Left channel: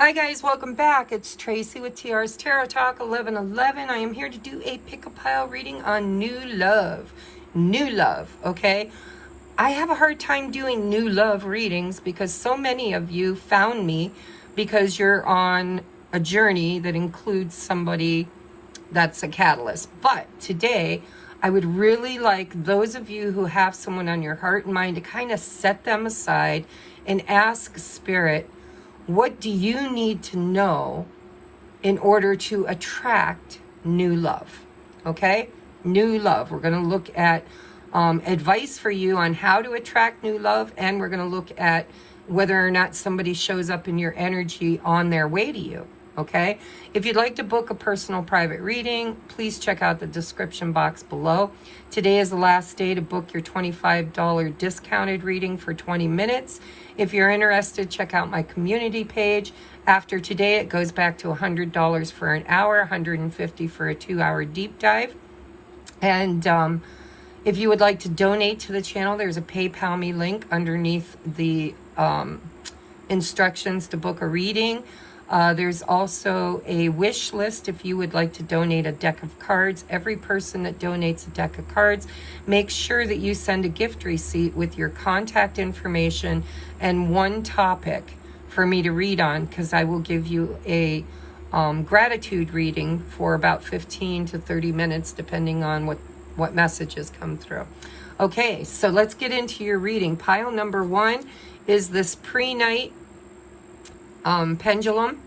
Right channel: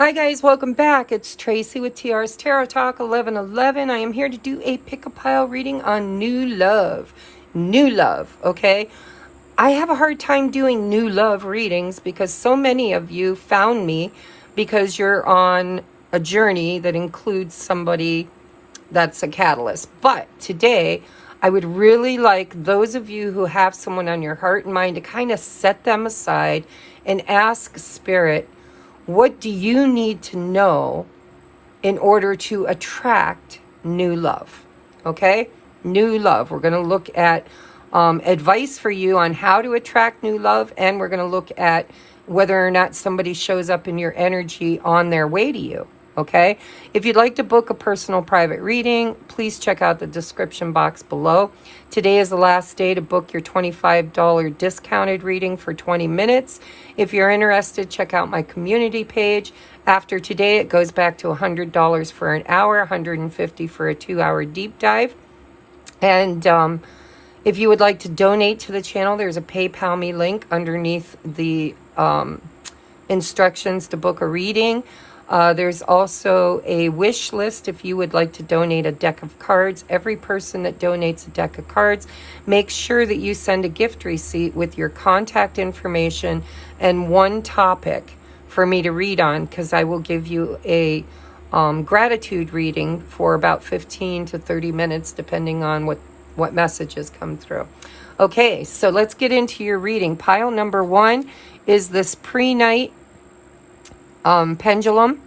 Hi guys, welcome back. It's Tracy with TR's Tarot Talk 1111. I am here to do a pick-a-pile reading on new love. New love, okay? I have a hard time doing new love readings because so many of you found me because you're on a journey that includes somebody that's a catalyst. But today, I would really like those of you who have someone on your heart and mind to kind of set them aside and ask Spirit, what do you need to know in order to attract new love? Okay? New love. We're going to look at advice for you on how to attract new love, and we're going to look at whether or not somebody shows up in your energy on their way to you. Okay? If you'd like to book a personal private reading, please check out the description box below. Today is the last day to book your $25 discounted reading for 20 minutes. If you're interested, check out my community page. After today, it goes back to $100 for an hour, $150 for a 2-hour deep dive. And if you would like to donate to the channel, there's a PayPal me link underneath the instructions to book a reading. There's also a wish list if you would like to donate a deck of cards. Every person that donates a deck of cards, make sure that you send a gift receipt with your contact information and one topic for me to read on, because I will give you a gratitude reading for about 15 to 30 minutes, depending on what messages come through. Okay, so let's get into your reading. Pile number 1 is this pre-night pendulum.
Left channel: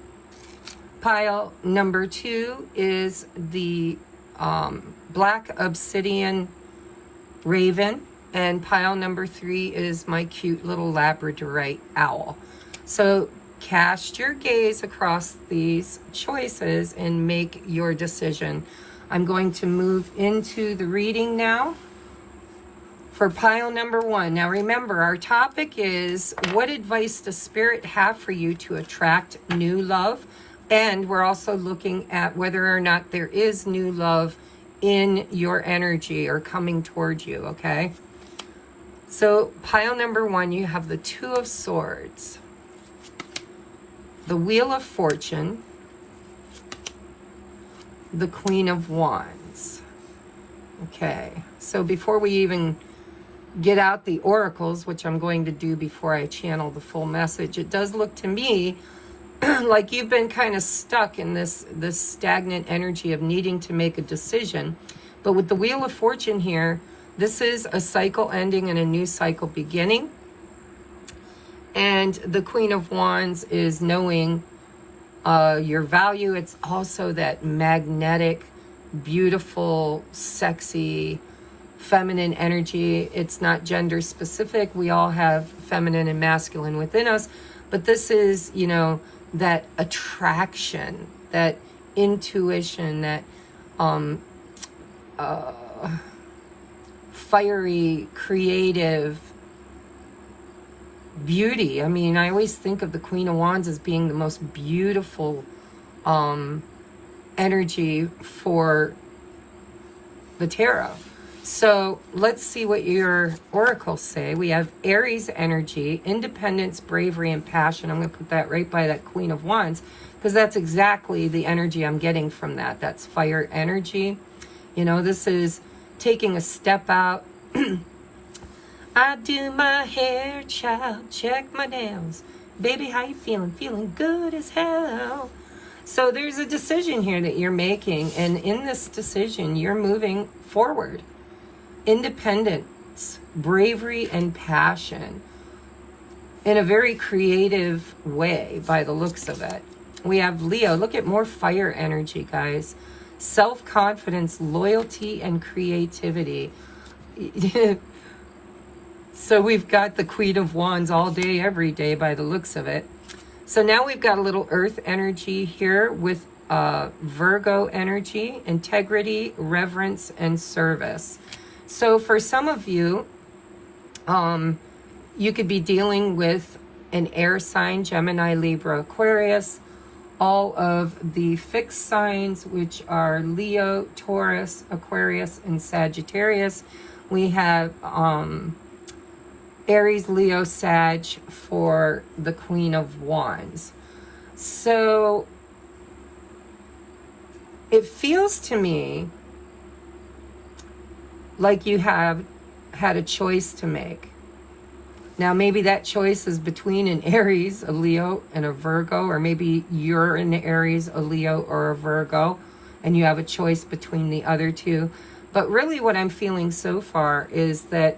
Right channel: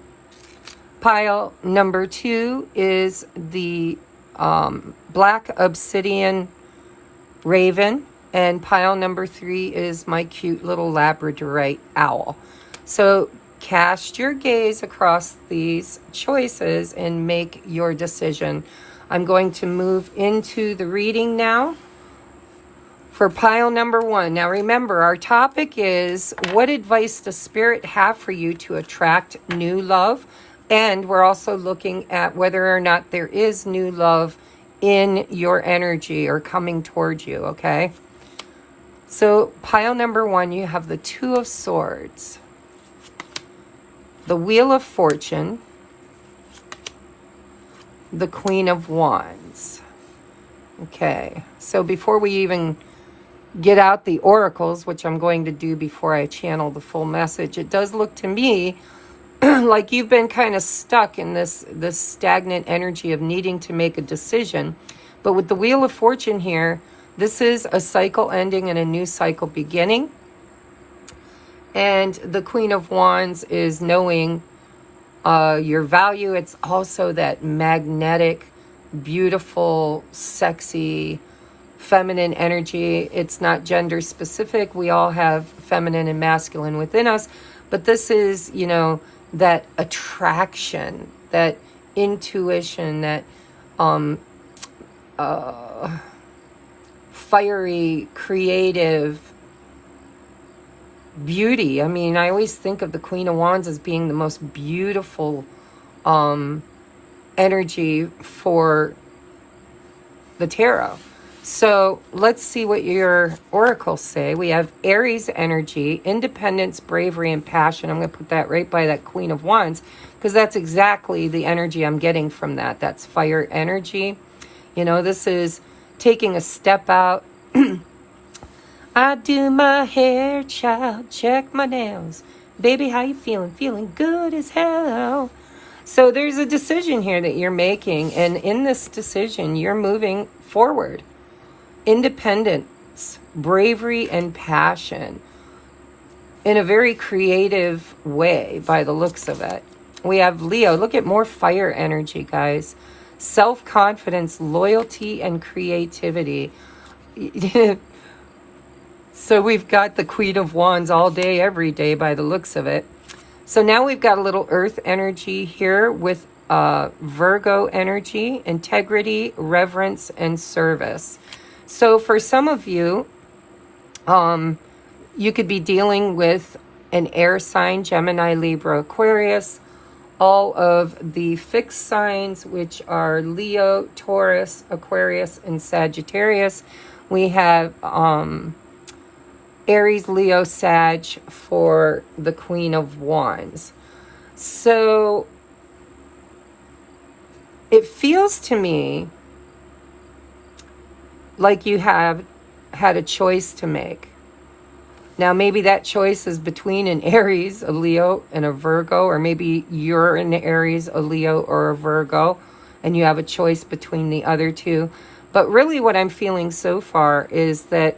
Pile number 2 is the black obsidian raven, and pile number 3 is my cute little labradorite owl. So cast your gaze across these choices and make your decision. I'm going to move into the reading now. For pile number 1. Now remember, our topic is, what advice does Spirit have for you to attract new love? And we're also looking at whether or not there is new love in your energy or coming towards you, okay? So pile number 1, you have the 2 of Swords, the Wheel of Fortune, the Queen of Wands. Okay, so before we even get out the oracles, which I'm going to do before I channel the full message, it does look to me like you've been kind of stuck in this stagnant energy of needing to make a decision. But with the Wheel of Fortune here, this is a cycle ending and a new cycle beginning. And the Queen of Wands is knowing your value. It's also that magnetic, beautiful, sexy, feminine energy. It's not gender specific. We all have feminine and masculine within us. But this is, you know, that attraction, that intuition, that fiery, creative beauty. I mean, I always think of the Queen of Wands as being the most beautiful energy for the tarot. So let's see what your oracles say. We have Aries energy, independence, bravery, and passion. I'm going to put that right by that Queen of Wands, because that's exactly the energy I'm getting from that. That's fire energy. You know, this is taking a step out. I do my hair, child, check my nails. Baby, how you feeling? Feeling good as hell. So there's a decision here that you're making, and in this decision, you're moving forward. Independence, bravery, and passion in a very creative way by the looks of it. We have Leo. Look at more fire energy, guys. Self-confidence, loyalty, and creativity. So we've got the Queen of Wands all day, every day by the looks of it. So now we've got a little earth energy here with Virgo energy, integrity, reverence, and service. So for some of you, you could be dealing with an air sign, Gemini, Libra, Aquarius. All of the fixed signs, which are Leo, Taurus, Aquarius, and Sagittarius. We have Aries, Leo, Sag for the Queen of Wands. So it feels to me like you have had a choice to make. Now, maybe that choice is between an Aries, a Leo, and a Virgo, or maybe you're an Aries, a Leo, or a Virgo, and you have a choice between the other two. But really what I'm feeling so far is that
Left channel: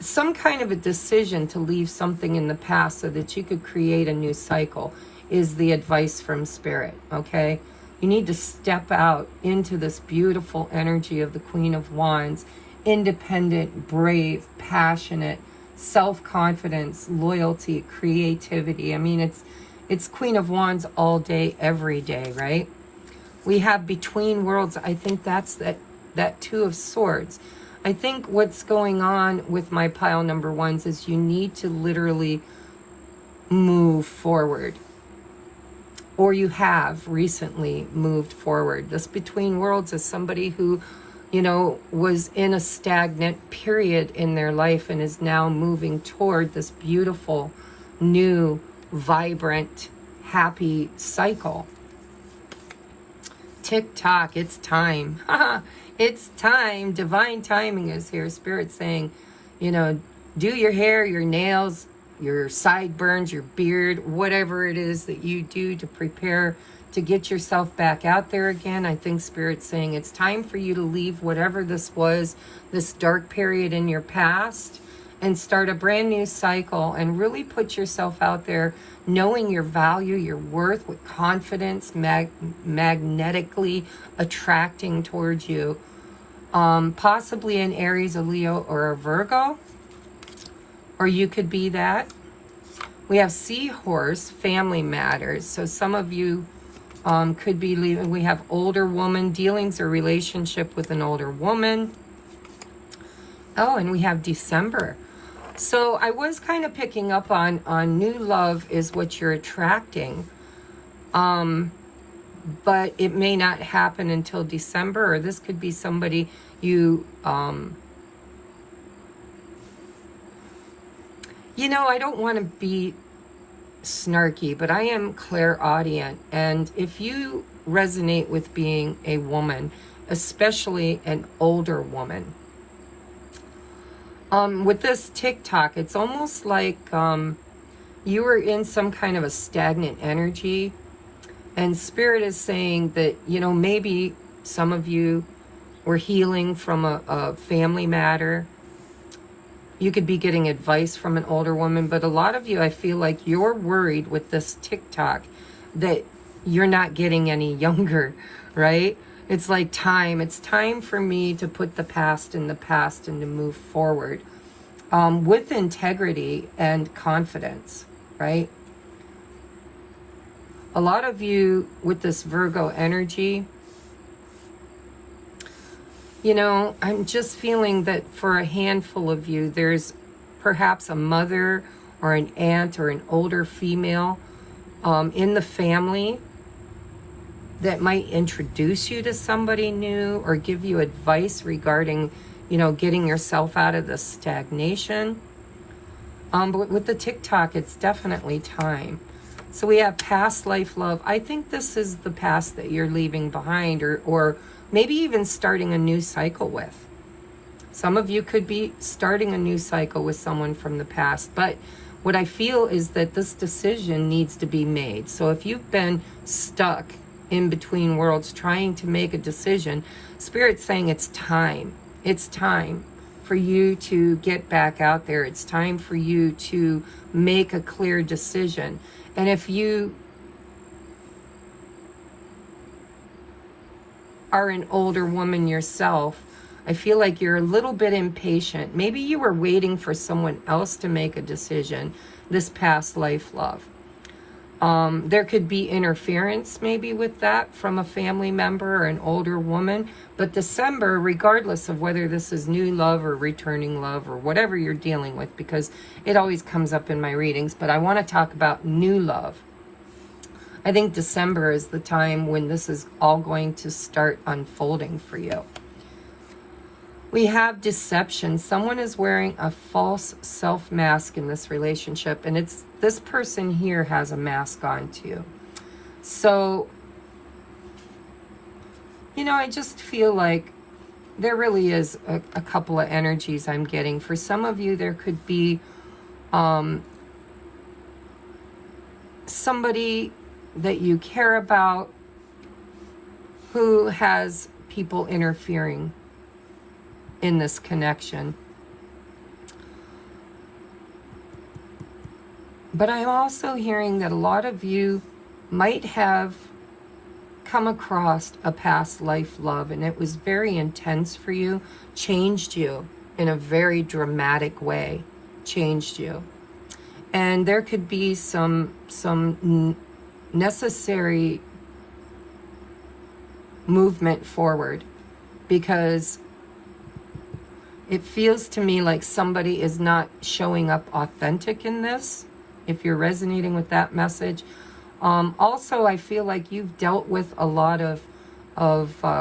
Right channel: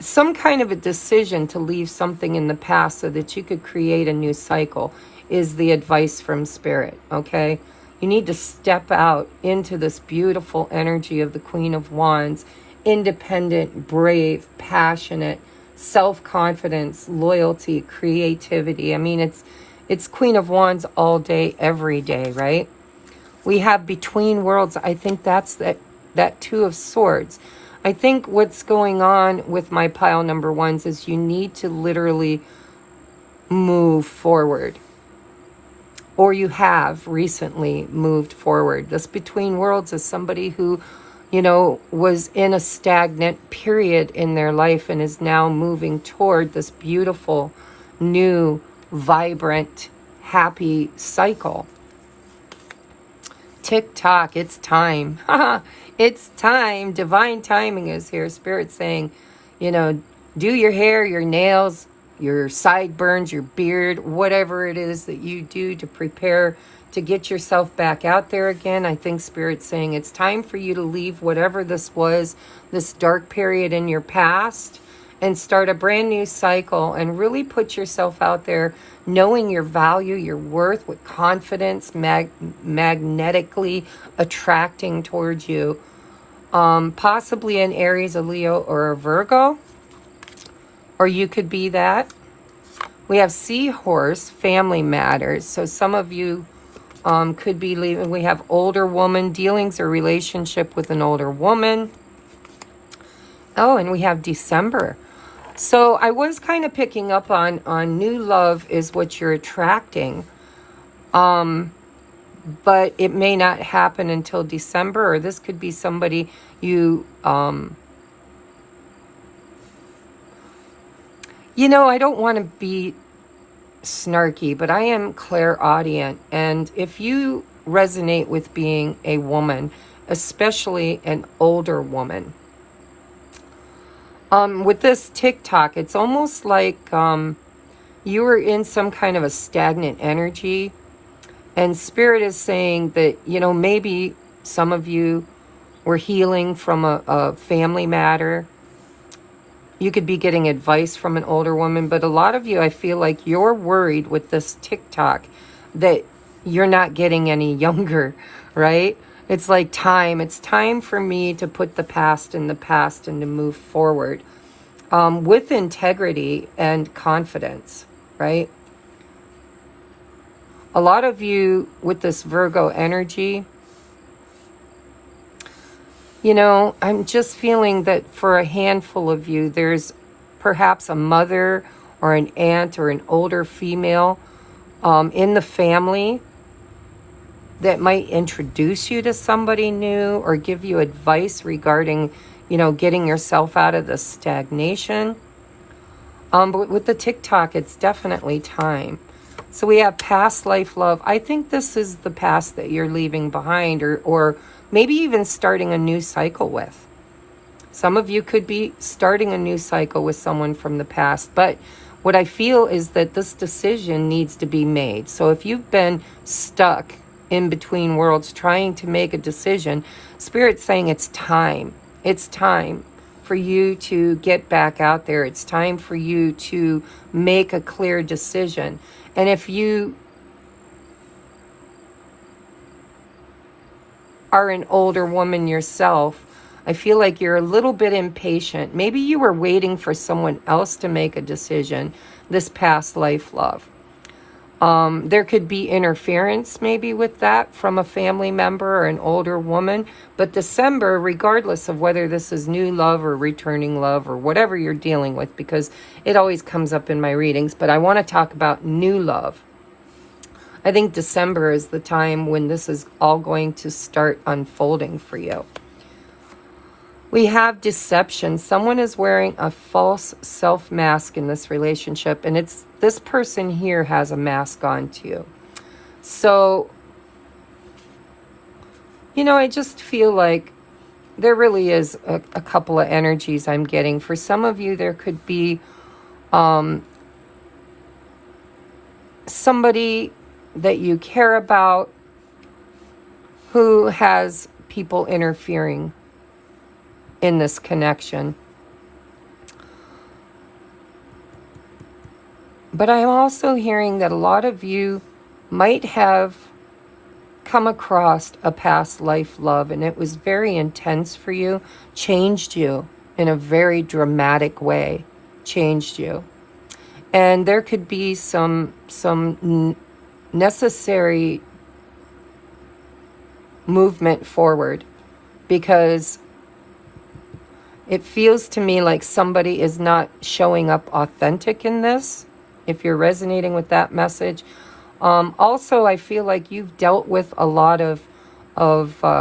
some kind of a decision to leave something in the past so that you could create a new cycle is the advice from Spirit, okay? You need to step out into this beautiful energy of the Queen of Wands, independent, brave, passionate, self-confidence, loyalty, creativity. I mean, it's Queen of Wands all day, every day, right? We have Between Worlds. I think that's that Two of Swords. I think what's going on with my pile number ones is you need to literally move forward. Or you have recently moved forward. This Between Worlds is somebody who, you know, was in a stagnant period in their life and is now moving toward this beautiful, new, vibrant, happy cycle. Tick-tock, it's time. It's time. Divine timing is here. Spirit saying, you know, do your hair, your nails, your sideburns, your beard, whatever it is that you do to prepare to get yourself back out there again. I think Spirit's saying it's time for you to leave whatever this was, this dark period in your past, and start a brand new cycle and really put yourself out there knowing your value, your worth, with confidence, magnetically attracting towards you. Possibly an Aries, a Leo, or a Virgo. Or you could be that. We have Seahorse, family matters. So some of you could be leaving. We have older woman, dealings or relationship with an older woman. Oh, and we have December. So I was kind of picking up on new love is what you're attracting. But it may not happen until December, or this could be somebody you, you know, I don't want to be snarky, but I am clairaudient. And if you resonate with being a woman, especially an older woman, with this TikTok, it's almost like you were in some kind of a stagnant energy. And Spirit is saying that, you know, maybe some of you were healing from a family matter. You could be getting advice from an older woman, but a lot of you, I feel like you're worried with this TikTok that you're not getting any younger, right? It's like time. It's time for me to put the past in the past and to move forward with integrity and confidence, right? A lot of you with this Virgo energy, you know, I'm just feeling that for a handful of you, there's perhaps a mother or an aunt or an older female in the family that might introduce you to somebody new or give you advice regarding, you know, getting yourself out of the stagnation. But with the TikTok, it's definitely time. So we have past life love. I think this is the past that you're leaving behind, or maybe even starting a new cycle with. Some of you could be starting a new cycle with someone from the past, but what I feel is that this decision needs to be made. So if you've been stuck in between worlds trying to make a decision, Spirit's saying it's time. It's time for you to get back out there. It's time for you to make a clear decision. And if you are an older woman yourself, I feel like you're a little bit impatient. Maybe you were waiting for someone else to make a decision, this past life love. There could be interference maybe with that from a family member or an older woman. But December, regardless of whether this is new love or returning love or whatever you're dealing with, because it always comes up in my readings, but I want to talk about new love. I think December is the time when this is all going to start unfolding for you. We have deception. Someone is wearing a false self mask in this relationship, and it's this person here has a mask on too. So, you know, I just feel like there really is a couple of energies I'm getting. For some of you, there could be somebody that you care about who has people interfering in this connection. But I'm also hearing that a lot of you might have come across a past life love, and it was very intense for you, changed you in a very dramatic way, changed you. And there could be some necessary movement forward, because it feels to me like somebody is not showing up authentic in this, if you're resonating with that message. Also, I feel like you've dealt with a lot of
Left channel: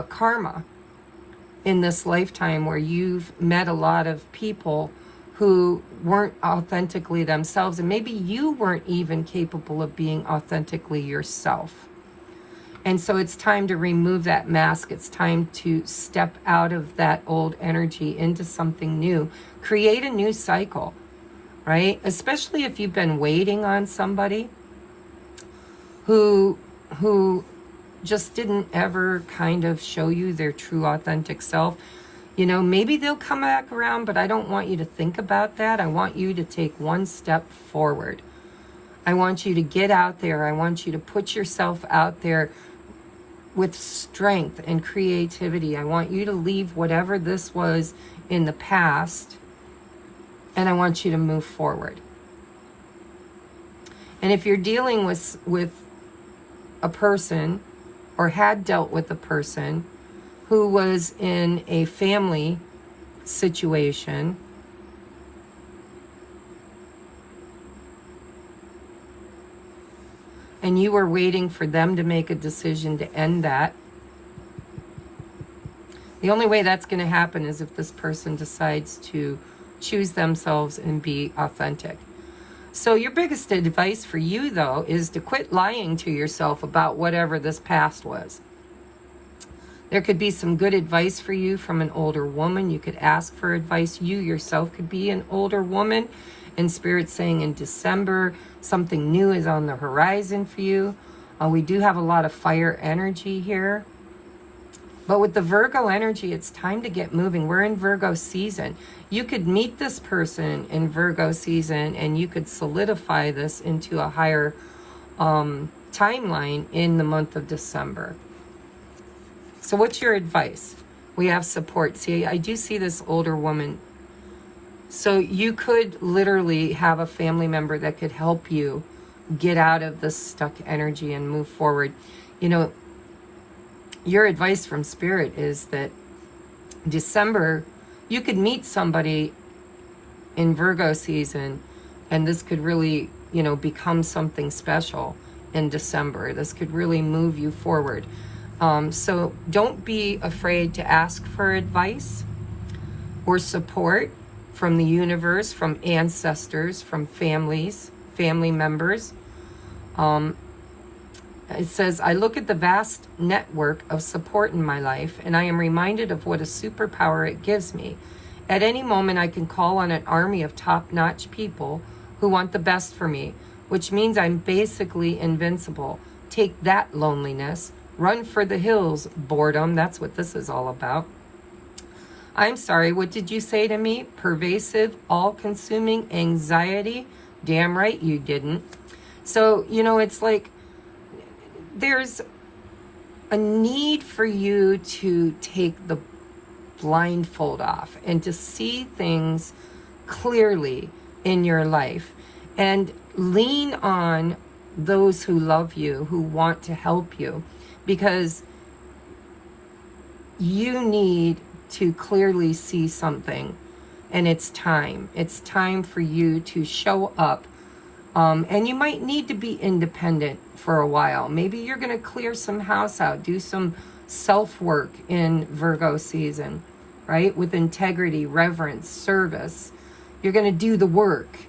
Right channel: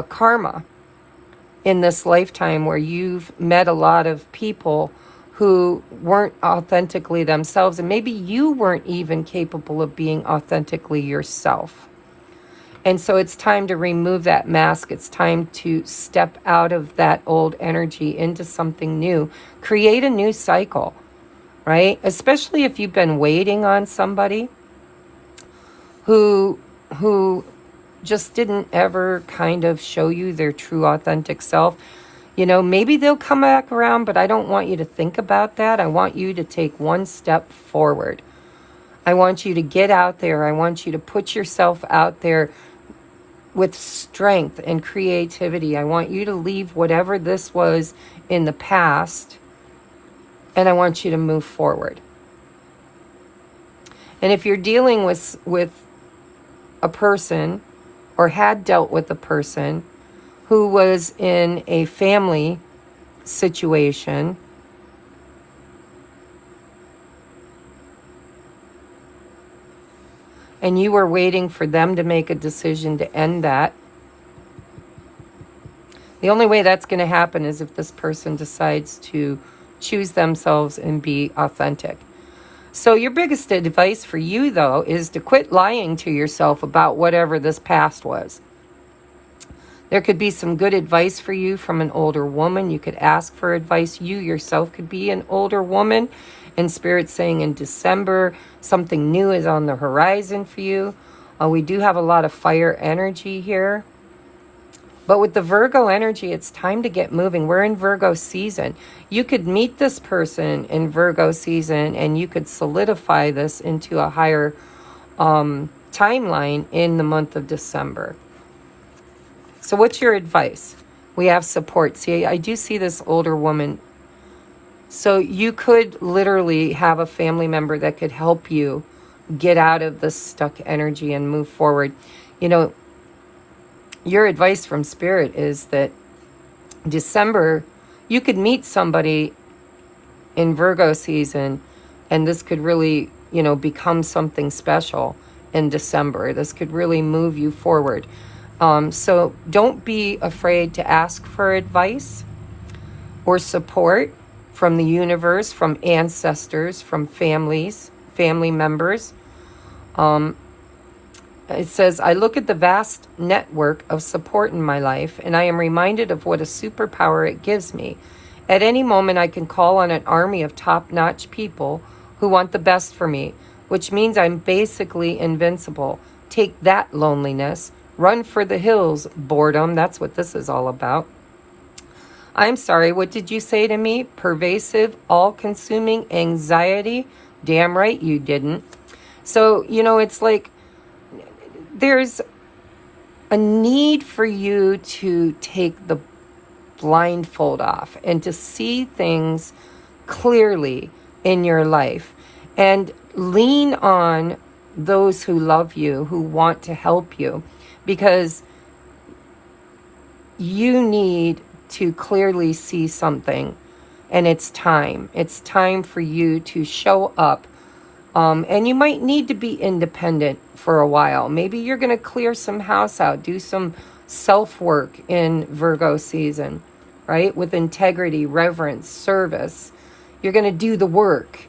karma in this lifetime, where you've met a lot of people who weren't authentically themselves, and maybe you weren't even capable of being authentically yourself. And so it's time to remove that mask. It's time to step out of that old energy into something new. Create a new cycle, right? Especially if you've been waiting on somebody who just didn't ever kind of show you their true authentic self. You know, maybe they'll come back around, but I don't want you to think about that. I want you to take one step forward. I want you to get out there. I want you to put yourself out there with strength and creativity. I want you to leave whatever this was in the past, and I want you to move forward. And if you're dealing with a person, or had dealt with a person who was in a family situation, and you were waiting for them to make a decision to end that, the only way that's going to happen is if this person decides to choose themselves and be authentic. So your biggest advice for you, though, is to quit lying to yourself about whatever this past was. There could be some good advice for you from an older woman. You could ask for advice. You yourself could be an older woman. And Spirit's saying in December, something new is on the horizon for you. We do have a lot of fire energy here. But with the Virgo energy, it's time to get moving. We're in Virgo season. You could meet this person in Virgo season, and you could solidify this into a higher timeline in the month of December. So what's your advice? We have support. See, I do see this older woman. So you could literally have a family member that could help you get out of the stuck energy and move forward. You know, your advice from Spirit is that December, you could meet somebody in Virgo season, and this could really, you know, become something special in December. This could really move you forward. So don't be afraid to ask for advice or support from the universe, from ancestors, from families, family members. It says, I look at the vast network of support in my life, and I am reminded of what a superpower it gives me. At any moment, I can call on an army of top-notch people who want the best for me, which means I'm basically invincible. Take that, loneliness. Run for the hills, boredom. That's what this is all about. I'm sorry, what did you say to me? Pervasive, all-consuming anxiety? Damn right you didn't. So, you know, it's like there's a need for you to take the blindfold off and to see things clearly in your life and lean on those who love you, who want to help you, because you need to clearly see something, and it's time. It's time for you to show up. And you might need to be independent for a while. Maybe you're going to clear some house out, do some self-work in Virgo season. right? With integrity, reverence, service. You're going to do the work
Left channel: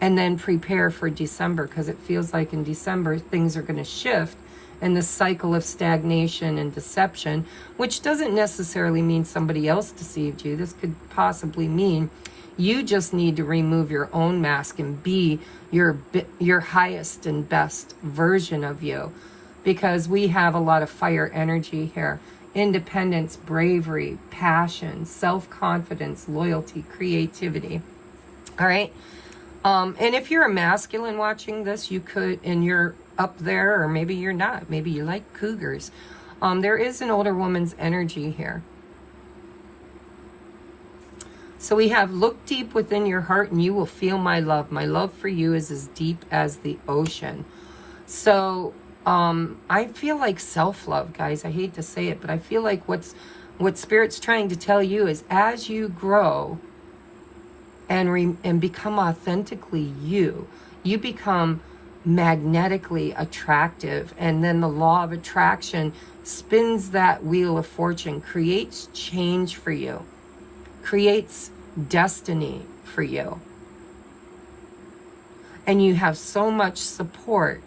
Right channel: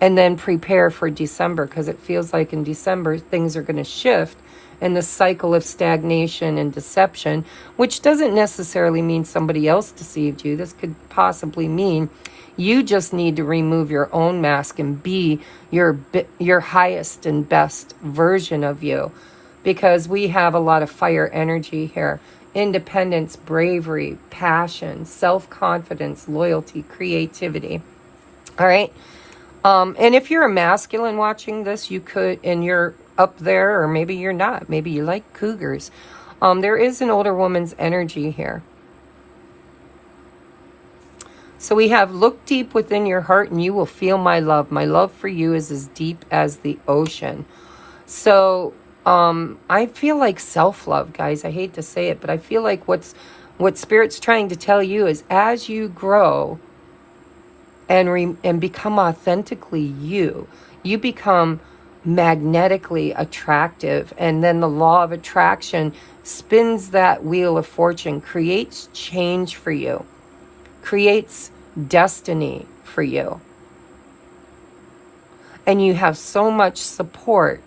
and then prepare for December, because it feels like in December things are going to shift in the cycle of stagnation and deception, which doesn't necessarily mean somebody else deceived you. This could possibly mean you just need to remove your own mask and be your highest and best version of you, because we have a lot of fire energy here. Independence, bravery, passion, self-confidence, loyalty, creativity. All right. And if you're a masculine watching this, you could, and you're up there, or maybe you're not. Maybe you like cougars. There is an older woman's energy here. So we have, look deep within your heart and you will feel my love. My love for you is as deep as the ocean. So I feel like self-love, guys. I hate to say it, but I feel like what Spirit's trying to tell you is, as you grow and become authentically you, you become magnetically attractive, and then the law of attraction spins that wheel of fortune, creates change for you, creates destiny for you, and you have so much support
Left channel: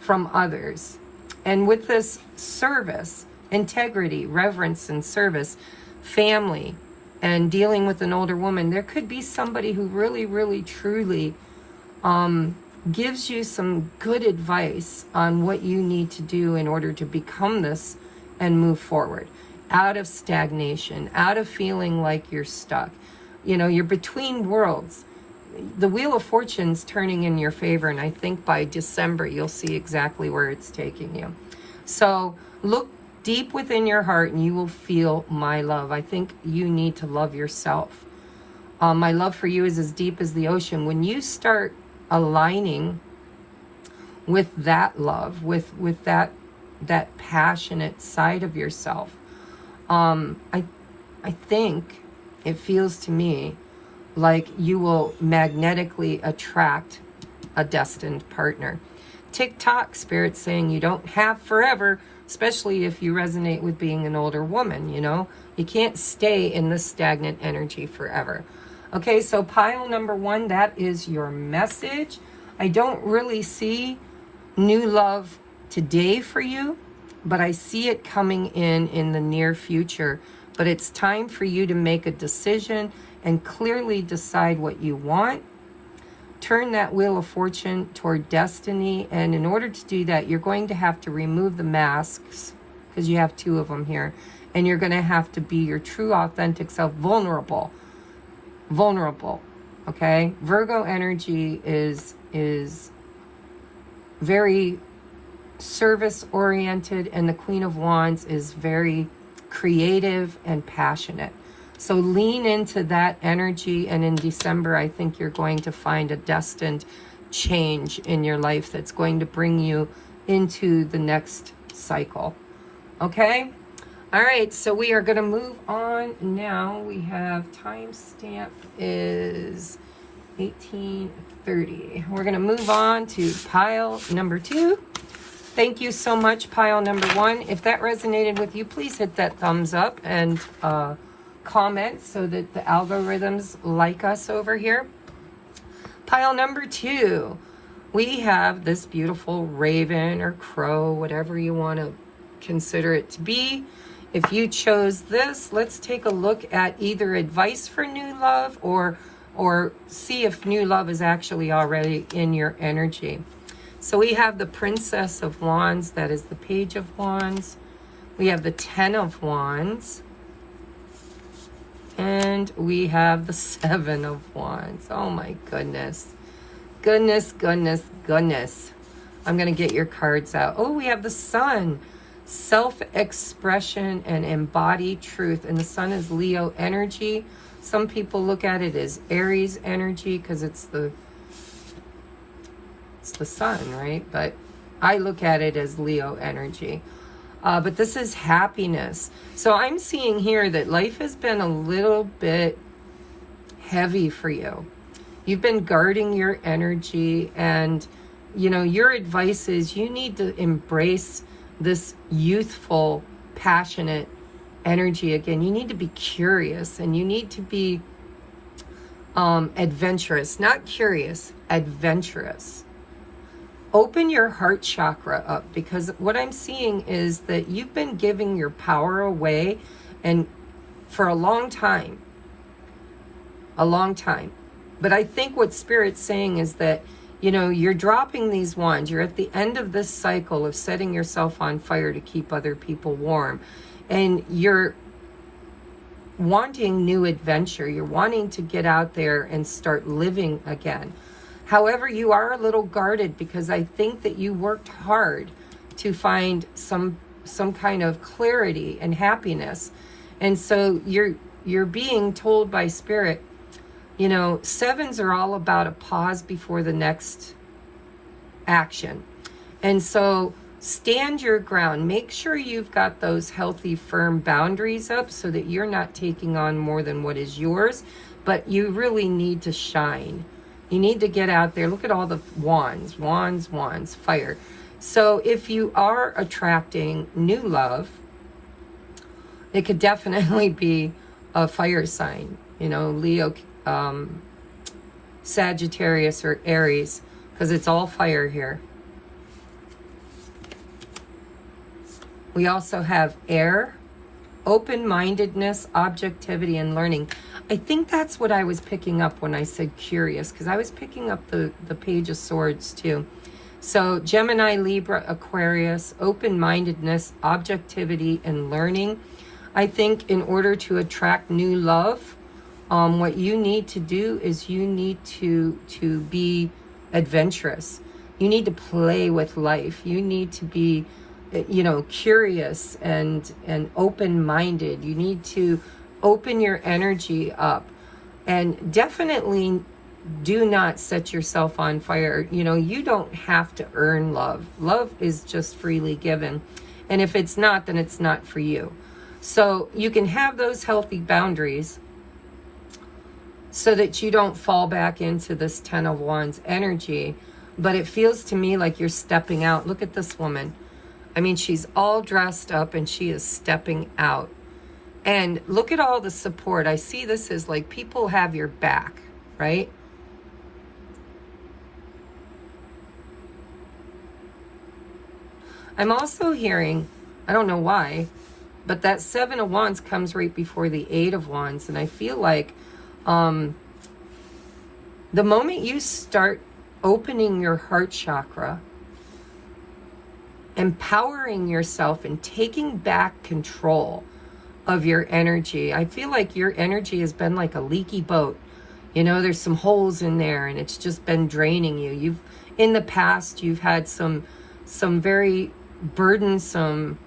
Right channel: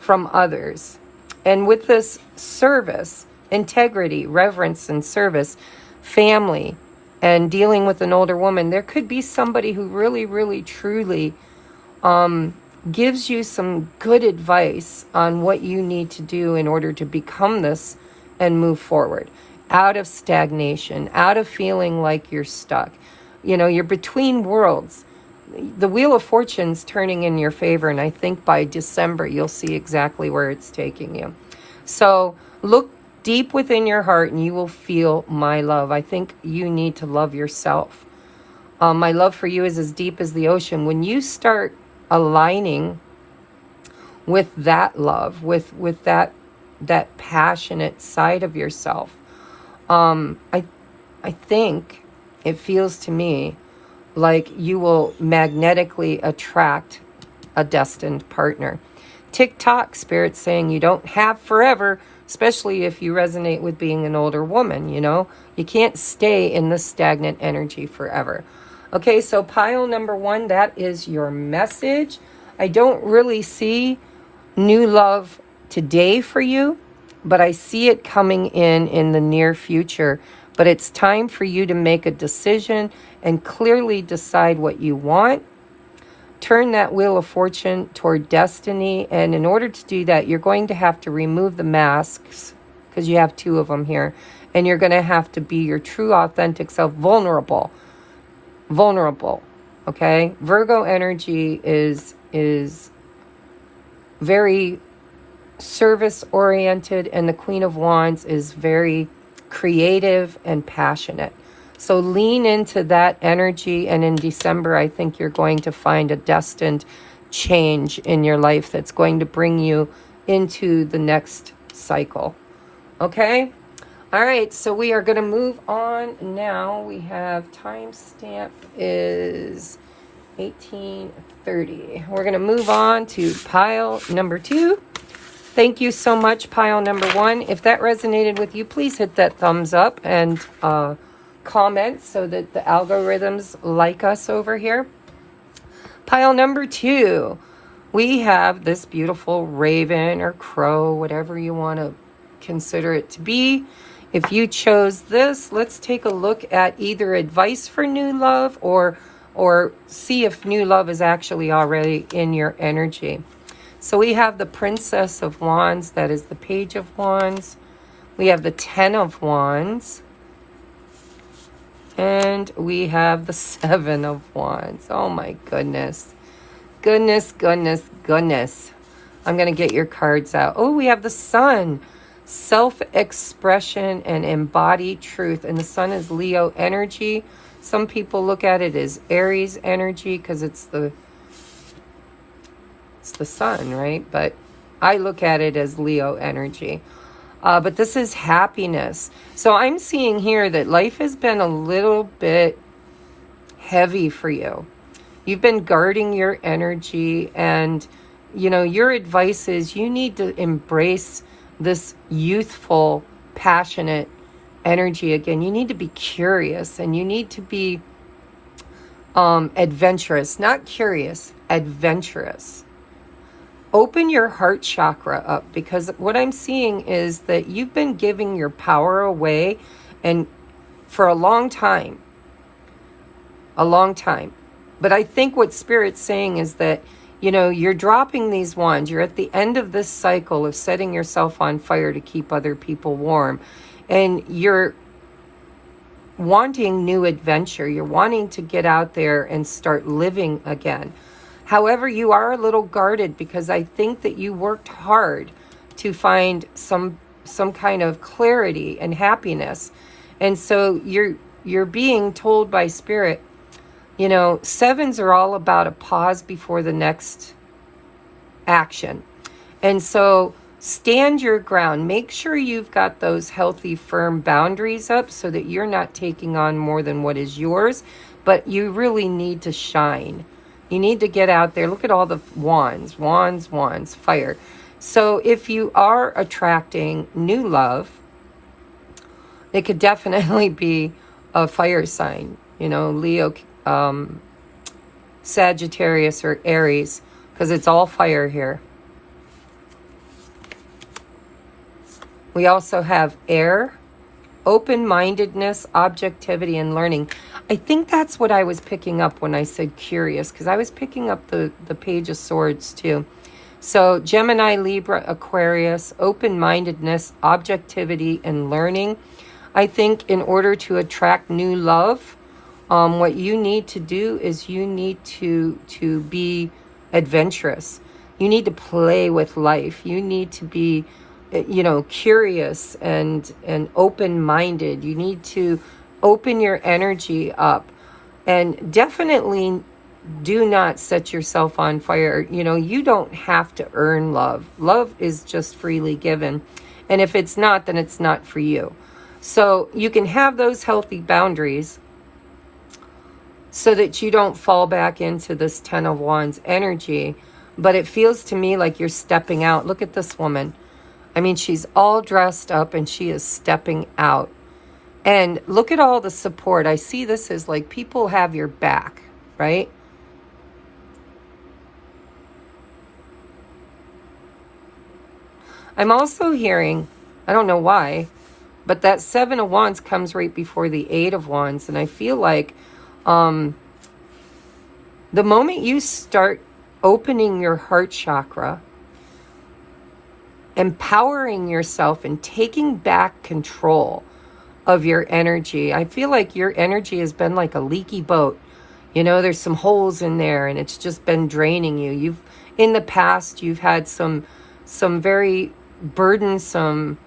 from others. And with this service, integrity, reverence, and service, family, and dealing with an older woman, there could be somebody who really, really, truly gives you some good advice on what you need to do in order to become this and move forward, out of stagnation, out of feeling like you're stuck. You know, you're between worlds. The Wheel of Fortune's turning in your favor, and I think by December you'll see exactly where it's taking you. So look deep within your heart and you will feel my love. I think you need to love yourself. My love for you is as deep as the ocean. When you start aligning with that love, with that passionate side of yourself, I think it feels to me like you will magnetically attract a destined partner. Tick-tock, Spirit's saying you don't have forever, especially if you resonate with being an older woman, you know. You can't stay in this stagnant energy forever. Okay, so pile number 1, that is your message. I don't really see new love today for you, but I see it coming in the near future. But it's time for you to make a decision and clearly decide what you want. Turn that Wheel of Fortune toward destiny. And in order to do that, you're going to have to remove the masks, because you have 2 of them here. And you're going to have to be your true, authentic self, vulnerable. Vulnerable, okay? Virgo energy is very service-oriented, and the Queen of Wands is very creative and passionate. So lean into that energy, and in December, I think you're going to find a destined change in your life that's going to bring you into the next cycle. Okay? All right, so we are going to move on now. We have timestamp is 18:30. We're going to move on to pile number 2. Thank you so much, pile number 1. If that resonated with you, please hit that thumbs up and comment so that the algorithms like us over here. Pile number 2, we have this beautiful raven or crow, whatever you want to consider it to be. If you chose this, let's take a look at either advice for new love or see if new love is actually already in your energy. So we have the Princess of Wands, that is the Page of Wands. We have the 10 of Wands. And we have the 7 of Wands. Oh my goodness. Goodness, goodness, goodness. I'm going to get your cards out. Oh, we have the Sun. Self-expression and embodied truth. And the Sun is Leo energy. Some people look at it as Aries energy because it's the Sun, right? But I look at it as Leo energy. But this is happiness. So I'm seeing here that life has been a little bit heavy for you. You've been guarding your energy, and, you know, your advice is you need to embrace this youthful, passionate energy again. You need to be curious, and you need to be adventurous, not curious, adventurous. Open your heart chakra up, because what I'm seeing is that you've been giving your power away, and for a long time. But I think what Spirit's saying is that, you know, you're dropping these wands. You're at the end of this cycle of setting yourself on fire to keep other people warm. And you're wanting new adventure. You're wanting to get out there and start living again. However, you are a little guarded, because I think that you worked hard to find some kind of clarity and happiness. And so you're being told by Spirit, you know, sevens are all about a pause before the next action. And so stand your ground. Make sure you've got those healthy, firm boundaries up, so that you're not taking on more than what is yours. But you really need to shine. You need to get out there. Look at all the wands, wands, wands, fire. So if you are attracting new love, it could definitely be a fire sign, you know, Leo, Sagittarius, or Aries, because it's all fire here. We also have air, open-mindedness, objectivity, and learning. I think that's what I was picking up when I said curious, because I was picking up the Page of Swords too. So Gemini, Libra, Aquarius, open-mindedness, objectivity, and learning. I think in order to attract new love, what you need to do is you need to be adventurous. You need to play with life. You need to be, you know, curious and open-minded. You need to open your energy up, and definitely do not set yourself on fire. You know, you don't have to earn love. Love is just freely given. And if it's not, then it's not for you. So you can have those healthy boundaries so that you don't fall back into this Ten of Wands energy. But it feels to me like you're stepping out. Look at this woman. I mean, she's all dressed up and she is stepping out. And look at all the support. I see this as like people have your back, right? I'm also hearing, I don't know why, but that Seven of Wands comes right before the Eight of Wands. And I feel like the moment you start opening your heart chakra, empowering yourself and taking back control of your energy, I feel like your energy has been like a leaky boat. You know, there's some holes in there and it's just been draining you. In the past, you've had some very burdensome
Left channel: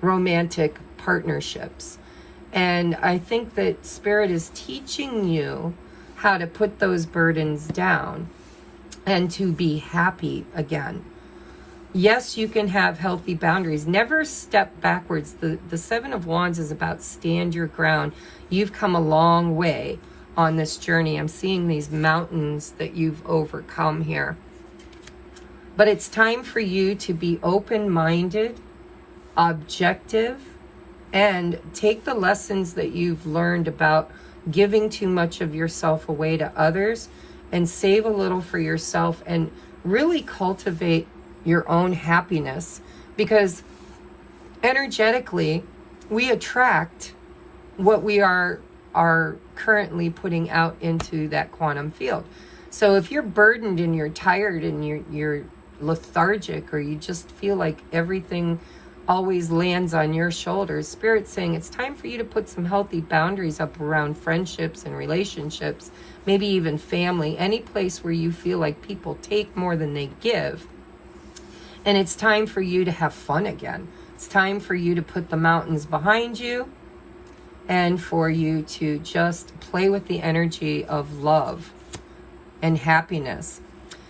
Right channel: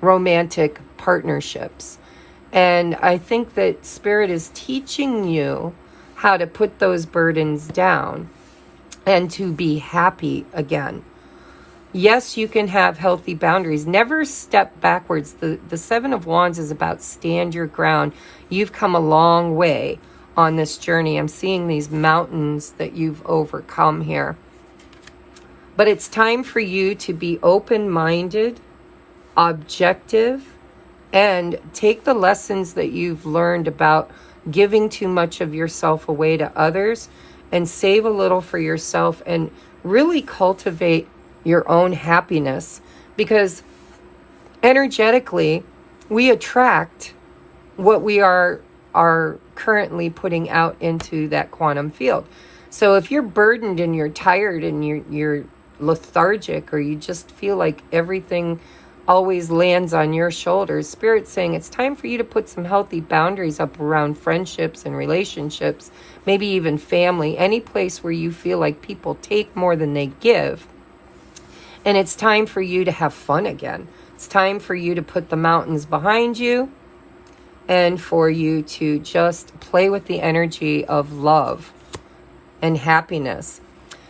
romantic partnerships. And I think that Spirit is teaching you how to put those burdens down and to be happy again. Yes, you can have healthy boundaries. Never step backwards. The Seven of Wands is about stand your ground. You've come a long way on this journey. I'm seeing these mountains that you've overcome here. But it's time for you to be open-minded, objective, and take the lessons that you've learned about giving too much of yourself away to others and save a little for yourself and really cultivate your own happiness, because energetically we attract what we are currently putting out into that quantum field. So if you're burdened and you're tired and you're lethargic, or you just feel like everything always lands on your shoulders, Spirit's saying it's time for you to put some healthy boundaries up around friendships and relationships, maybe even family, any place where you feel like people take more than they give. And it's time for you to have fun again. It's time for you to put the mountains behind you and for you to just play with the energy of love and happiness.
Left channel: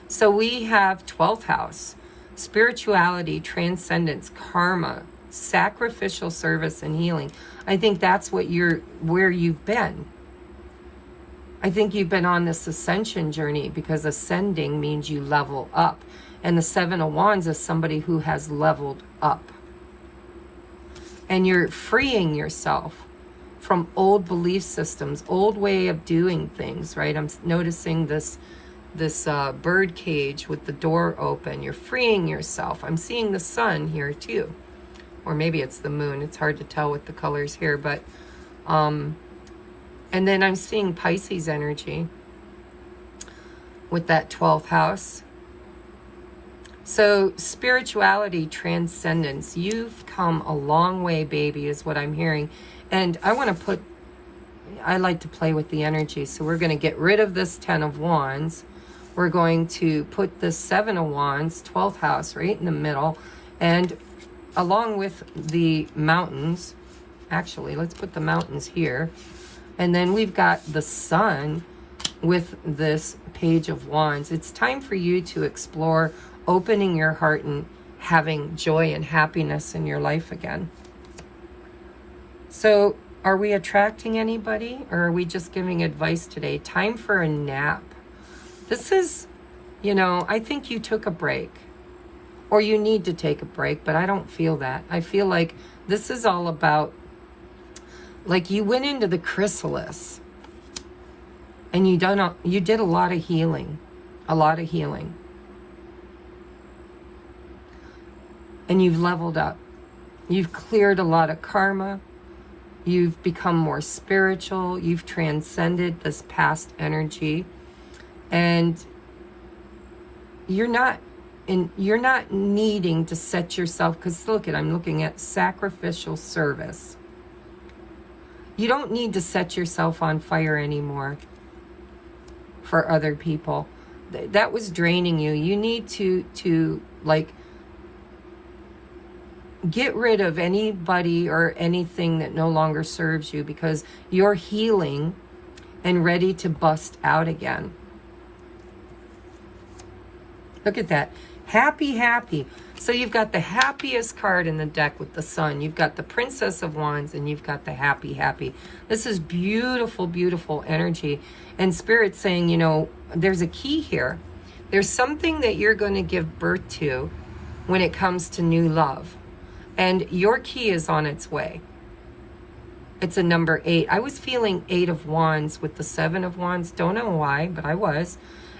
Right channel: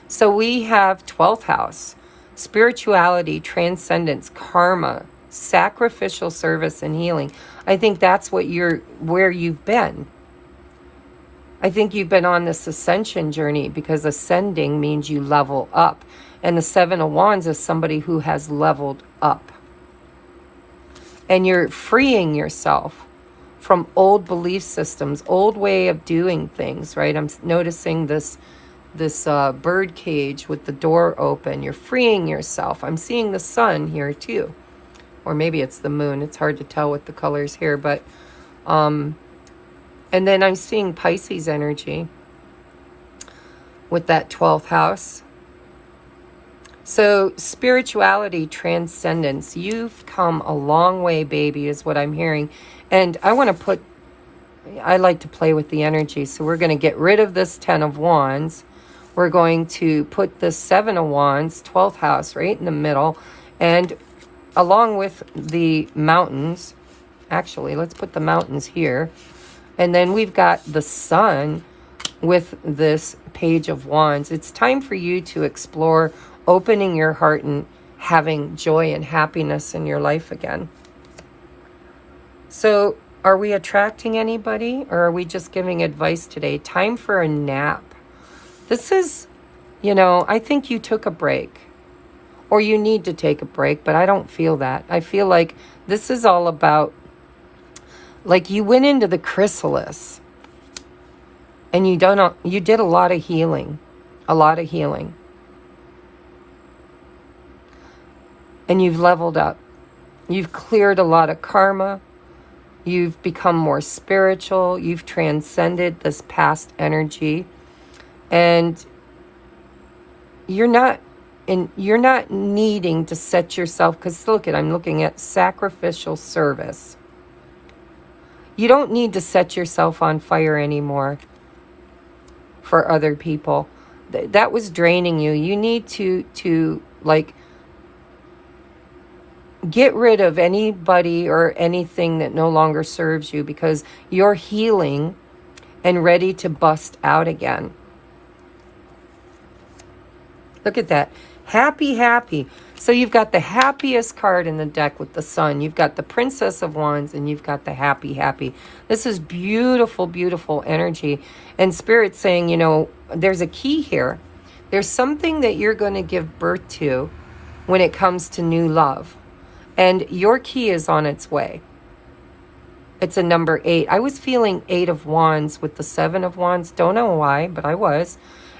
So we have 12th house, spirituality, transcendence, karma, sacrificial service, and healing. I think that's where you've been. I think you've been on this ascension journey, because ascending means you level up. And the Seven of Wands is somebody who has leveled up. And you're freeing yourself from old belief systems, old way of doing things, right? I'm noticing this bird cage with the door open. You're freeing yourself. I'm seeing the sun here too. Or maybe it's the moon. It's hard to tell with the colors here. But, and then I'm seeing Pisces energy with that 12th house. So spirituality, transcendence. You've come a long way, baby, is what I'm hearing. And I like to play with the energy. So we're going to get rid of this 10 of Wands. We're going to put the 7 of Wands, 12th house, right in the middle. And along with the mountains, actually, let's put the mountains here. And then we've got the sun with this Page of Wands. It's time for you to explore opening your heart and having joy and happiness in your life again. So, are we attracting anybody, or are we just giving advice today? Time for a nap. This is, I think you took a break. Or you need to take a break, but I don't feel that. I feel like this is all about, like you went into the chrysalis and you did a lot of healing. A lot of healing. And you've leveled up. You've cleared a lot of karma. You've become more spiritual. You've transcended this past energy. And you're not needing to set yourself, because look I'm looking at sacrificial service. You don't need to set yourself on fire anymore for other people. That was draining you. You need to like get rid of anybody or anything that no longer serves you, because you're healing and ready to bust out again. Look at that. Happy, happy. So you've got the happiest card in the deck with the sun. You've got the Princess of Wands, and you've got the happy, happy. This is beautiful, beautiful energy. And Spirit's saying, there's a key here. There's something that you're going to give birth to when it comes to new love. And your key is on its way. It's a number 8. I was feeling 8 of Wands with the 7 of Wands. Don't know why, but I was.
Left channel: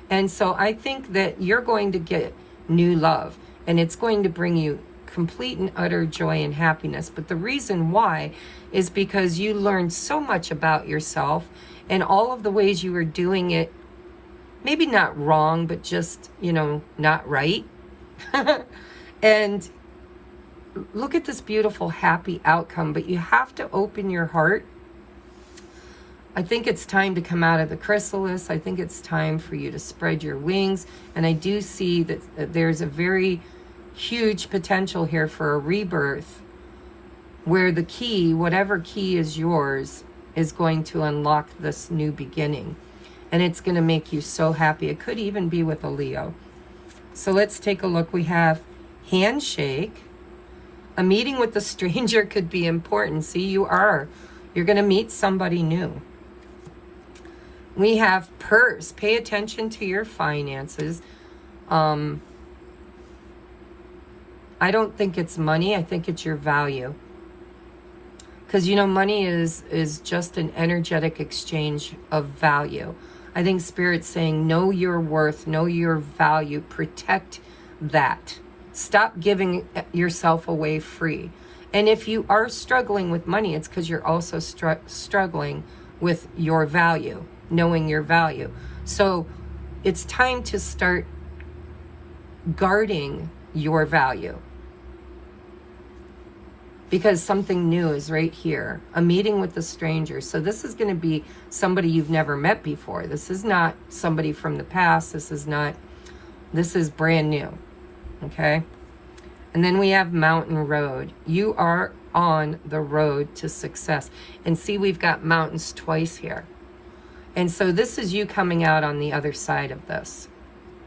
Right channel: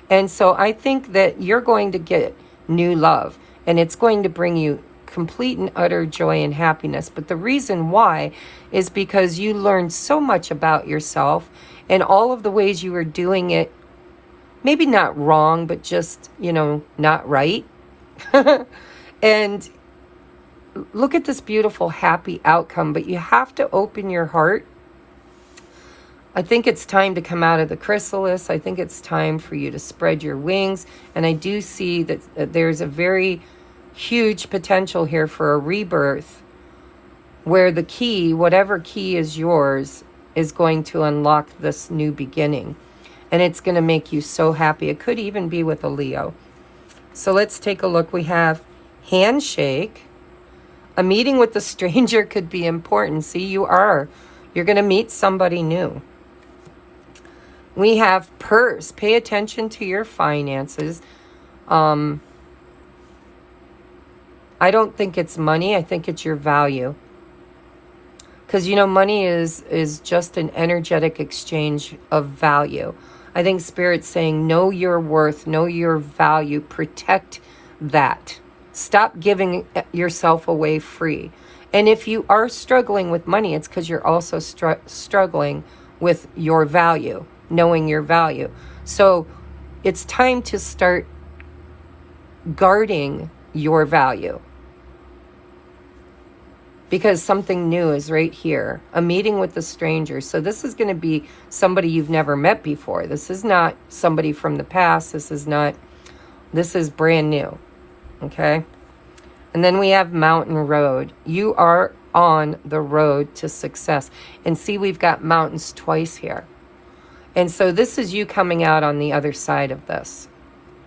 And so I think that you're going to get new love. And it's going to bring you complete and utter joy and happiness. But the reason why is because you learned so much about yourself and all of the ways you were doing it. Maybe not wrong, but just, not right. And look at this beautiful, happy outcome. But you have to open your heart. I think it's time to come out of the chrysalis. I think it's time for you to spread your wings. And I do see that there's a very huge potential here for a rebirth, where the key, whatever key is yours, is going to unlock this new beginning. And it's going to make you so happy. It could even be with a Leo. So let's take a look. We have handshake. A meeting with a stranger could be important. See, you're going to meet somebody new. We have purse. Pay attention to your finances. I don't think it's money. I think it's your value. Because, money is just an energetic exchange of value. I think Spirit's saying, know your worth, know your value, protect that. Stop giving yourself away free. And if you are struggling with money, it's because you're also struggling with your value, knowing your value. So it's time to start guarding your value, because something new is right here. A meeting with a stranger. So this is going to be somebody you've never met before. This is not somebody from the past. This is brand new. Okay? And then we have mountain road. You are on the road to success. And see, we've got mountains twice here. And so this is you coming out on the other side of this,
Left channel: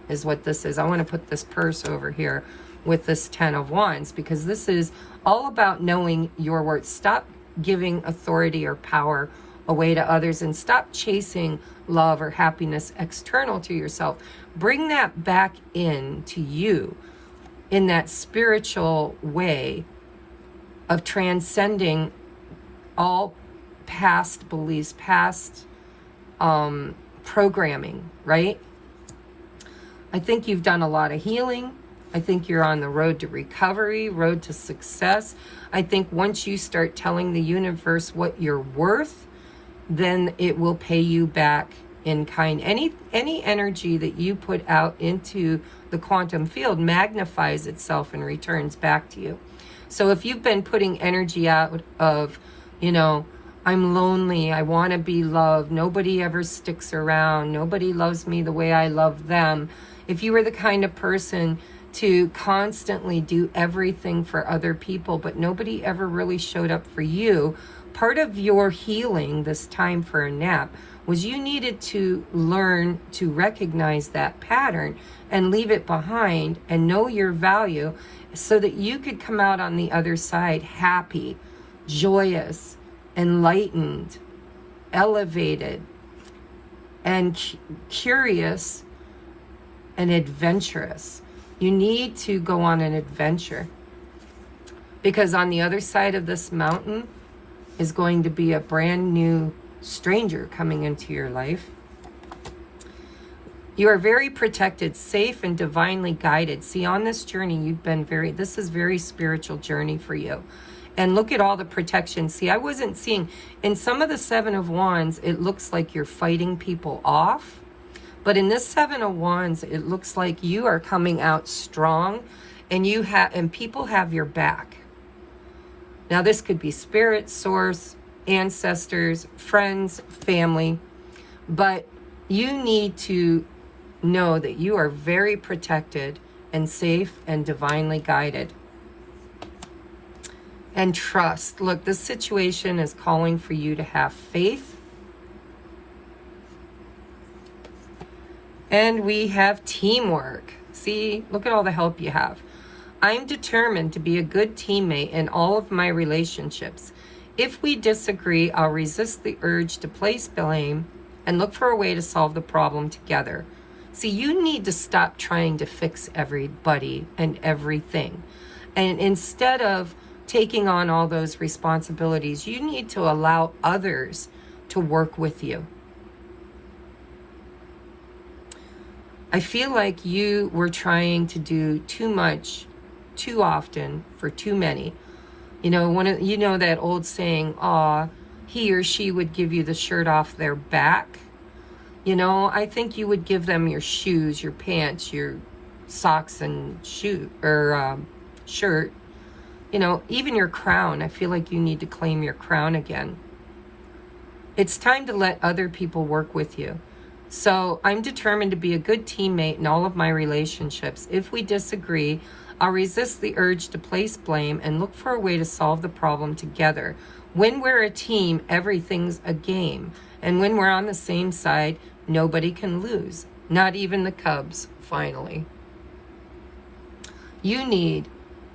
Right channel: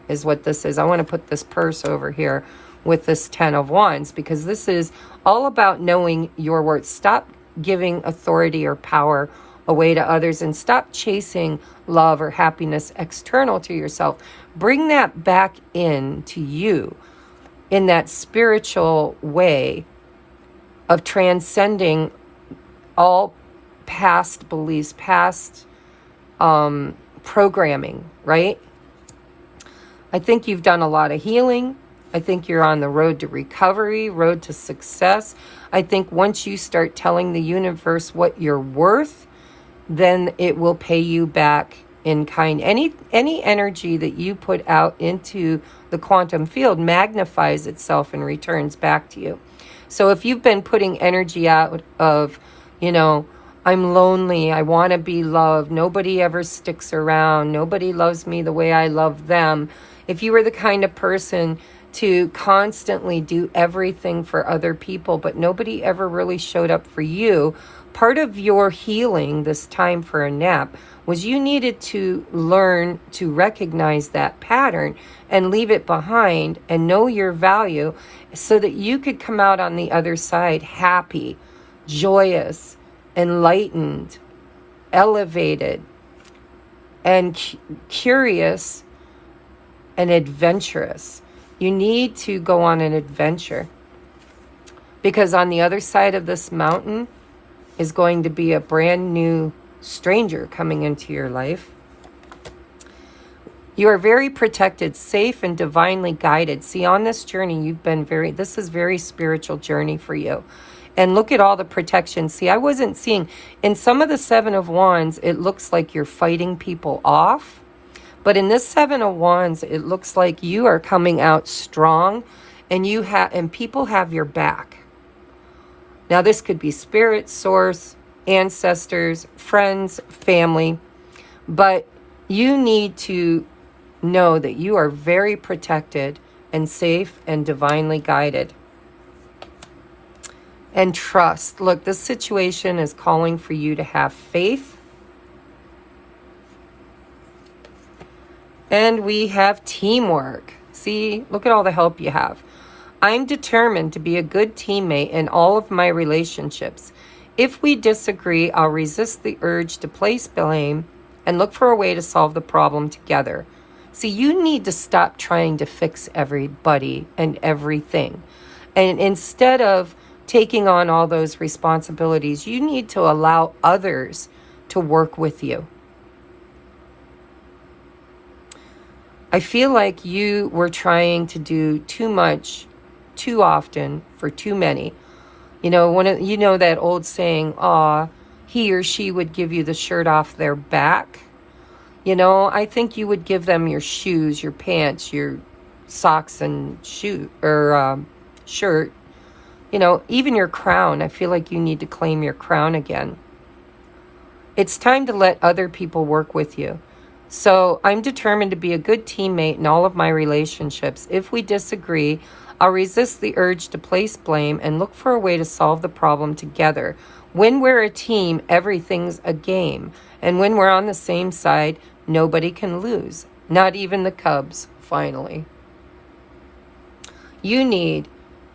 is what this is. I want to put this purse over here with this 10 of Wands, because this is all about knowing your worth. Stop giving authority or power away to others, and stop chasing love or happiness external to yourself. Bring that back in to you in that spiritual way of transcending all past beliefs, past programming, right? I think you've done a lot of healing. I think you're on the road to recovery, road to success. I think once you start telling the universe what you're worth, then it will pay you back in kind. Any energy that you put out into the quantum field magnifies itself and returns back to you. So if you've been putting energy out of, you know, I'm lonely, I want to be loved, nobody ever sticks around, nobody loves me the way I love them. If you were the kind of person to constantly do everything for other people, but nobody ever really showed up for you, part of your healing this time for a nap was you needed to learn to recognize that pattern and leave it behind and know your value so that you could come out on the other side happy, joyous, enlightened, elevated, and curious and adventurous. You need to go on an adventure, because on the other side of this mountain is going to be a brand new stranger coming into your life. You are very protected, safe, and divinely guided. See, on this journey, you've been this is very spiritual journey for you. And look at all the protection. See, I wasn't seeing, in some of the Seven of Wands, it looks like you're fighting people off. But in this Seven of Wands, it looks like you are coming out strong, and people have your back. Now, this could be spirit, source, ancestors, friends, family, but you need to know that you are very protected and safe and divinely guided. And trust. Look, this situation is calling for you to have faith. And we have teamwork. See, look at all the help you have. I'm determined to be a good teammate in all of my relationships. If we disagree, I'll resist the urge to place blame and look for a way to solve the problem together. See, you need to stop trying to fix everybody and everything. And instead of taking on all those responsibilities, you need to allow others to work with you. I feel like you were trying to do too much, too often, for too many. You know, that old saying, he or she would give you the shirt off their back. You know, I think you would give them your shoes, your pants, your socks and shirt. You know, even your crown. I feel like you need to claim your crown again. It's time to let other people work with you. So I'm determined to be a good teammate in all of my relationships. If we disagree, I'll resist the urge to place blame and look for a way to solve the problem together. When we're a team, everything's a game. And when we're on the same side, nobody can lose. Not even the Cubs, finally. You need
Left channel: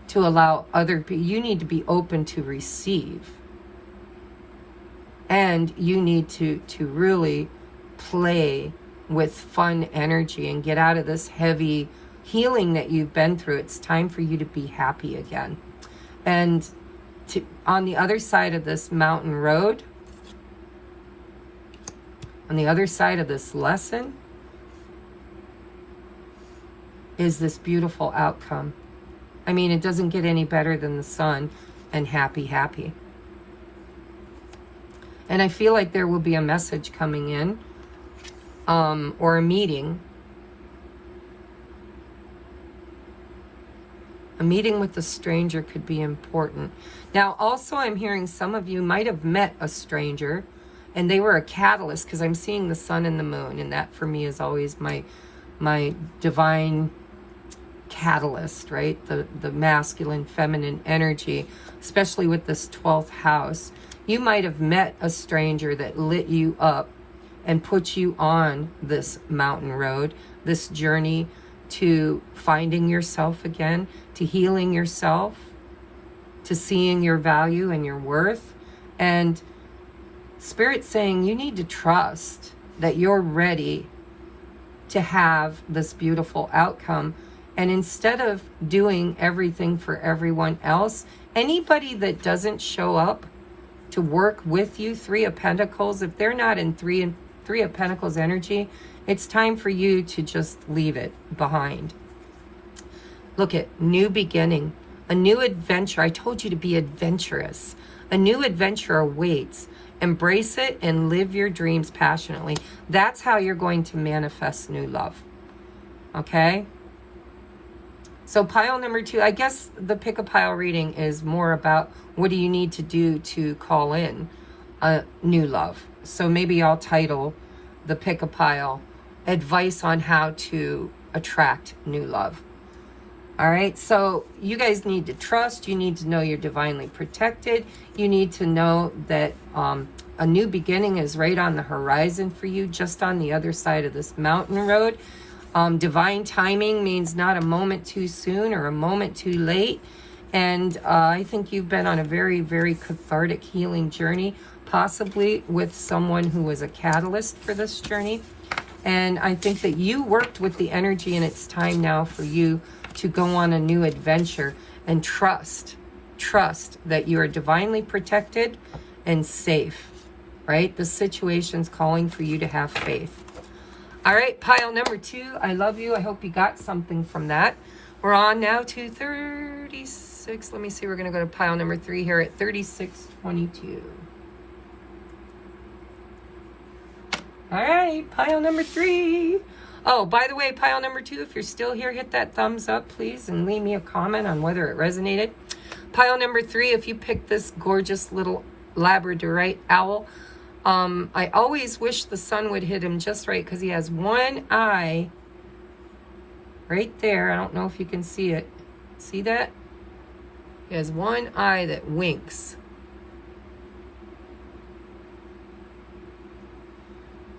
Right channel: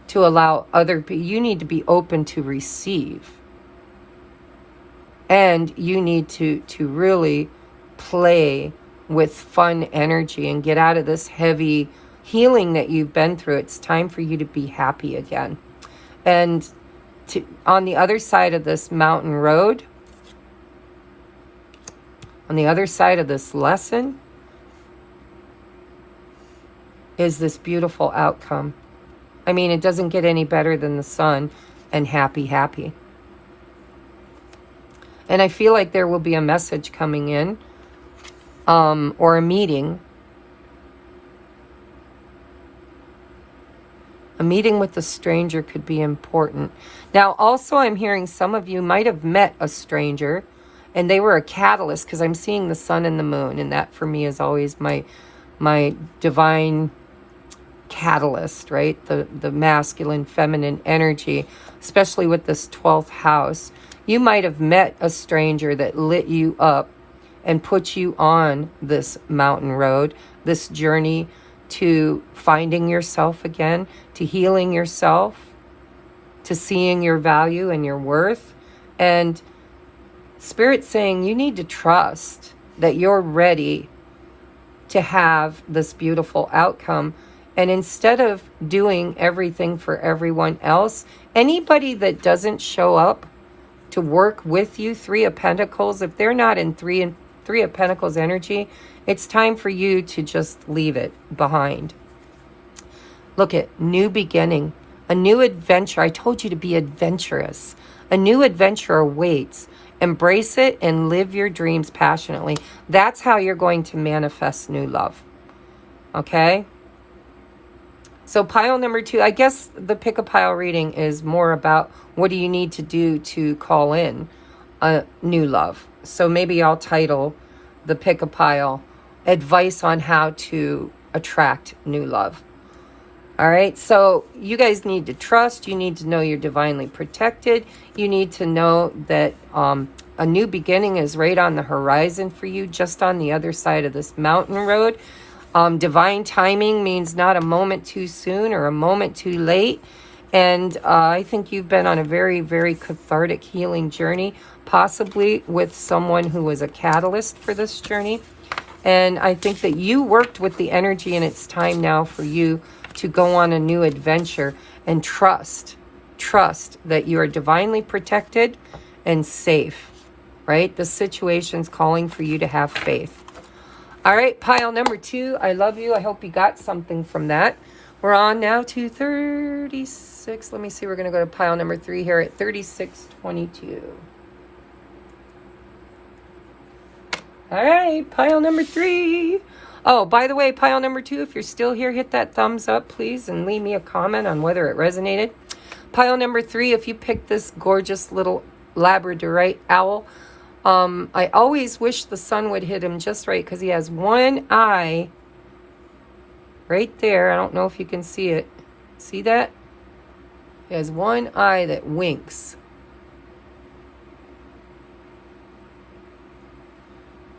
to allow other people, you need to be open to receive. And you need to really play with fun energy and get out of this heavy healing that you've been through. It's time for you to be happy again. And on the other side of this mountain road, on the other side of this lesson, is this beautiful outcome. I mean, it doesn't get any better than the sun and happy, happy. And I feel like there will be a message coming in, or a meeting. A meeting with a stranger could be important. Now, also, I'm hearing some of you might have met a stranger, and they were a catalyst, because I'm seeing the sun and the moon, and that for me is always my divine catalyst, right? The masculine, feminine energy, especially with this 12th house. You might have met a stranger that lit you up and put you on this mountain road, this journey to finding yourself again, to healing yourself, to seeing your value and your worth. And Spirit's saying you need to trust that you're ready to have this beautiful outcome And instead of doing everything for everyone else, anybody that doesn't show up to work with you, Three of Pentacles, if they're not in Three of Pentacles energy, it's time for you to just leave it behind. Look at new beginning, a new adventure. I told you to be adventurous. A new adventure awaits. Embrace it and live your dreams passionately. That's how you're going to manifest new love. Okay? So pile number 2, I guess the pick a pile reading is more about what do you need to do to call in a new love. So maybe I'll title the pick a pile advice on how to attract new love. All right, so you guys need to trust. You need to know you're divinely protected. You need to know that a new beginning is right on the horizon for you, just on the other side of this mountain road. Divine timing means not a moment too soon or a moment too late. And I think you've been on a very, very cathartic healing journey, possibly with someone who was a catalyst for this journey. And I think that you worked with the energy, and it's time now for you to go on a new adventure and trust that you are divinely protected and safe, right? The situation's calling for you to have faith. All right, pile number 2, I love you. I hope you got something from that. We're on now to 36. Let me see, we're going to go to pile number 3 here at 3622. All right, pile number 3. Oh, by the way, pile number 2, if you're still here, hit that thumbs up, please, and leave me a comment on whether it resonated. Pile number 3, if you picked this gorgeous little Labradorite owl, I always wish the sun would hit him just right because he has one eye right there. I don't know if you can see it. See that? He has one eye that winks.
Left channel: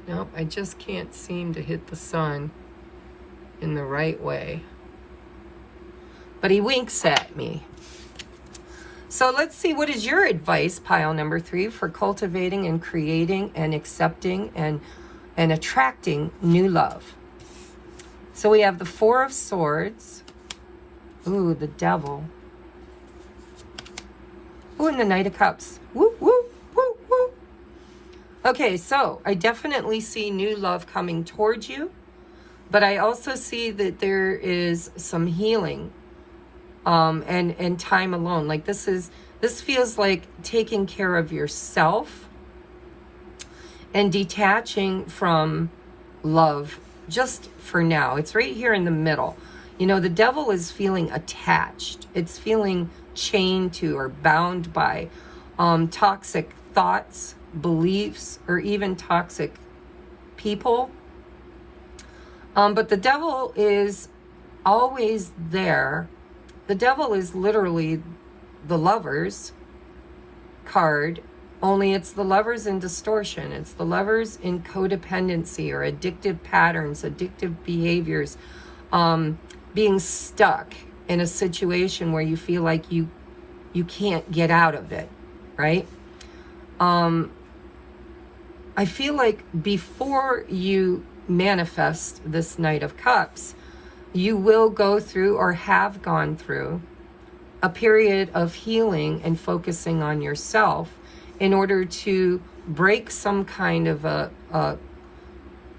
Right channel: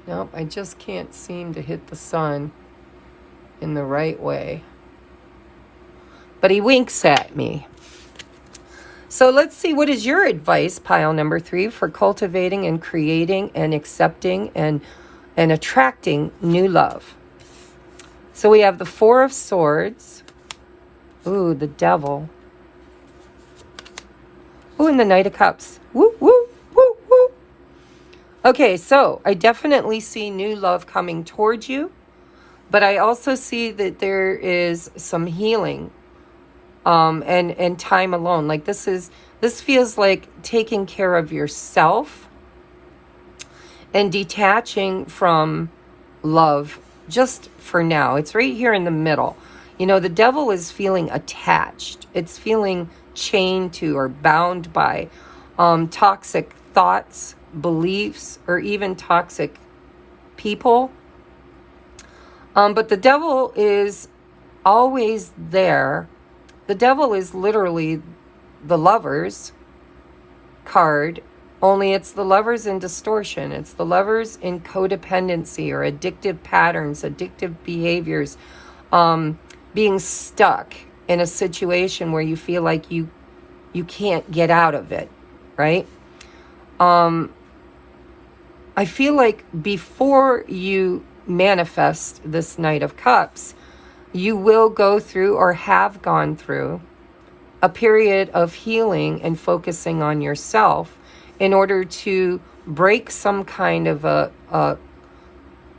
Nope, I just can't seem to hit the sun in the right way. But he winks at me. So let's see, what is your advice, pile number 3, for cultivating and creating and accepting and attracting new love? So we have the 4 of Swords. Ooh, the Devil. Ooh, and the Knight of Cups. Woo, woo, woo, woo. Okay, so I definitely see new love coming towards you, but I also see that there is some healing and time alone. Like this feels like taking care of yourself and detaching from love just for now. It's right here in the middle. You know, the Devil is feeling attached. It's feeling chained to or bound by toxic thoughts, beliefs, or even toxic people. But the Devil is always there. The Devil is literally the Lovers card, only it's the Lovers in distortion. It's the Lovers in codependency or addictive patterns, addictive behaviors, being stuck in a situation where you feel like you can't get out of it, right? I feel like before you manifest this Knight of Cups, you will go through or have gone through a period of healing and focusing on yourself in order to break some kind of a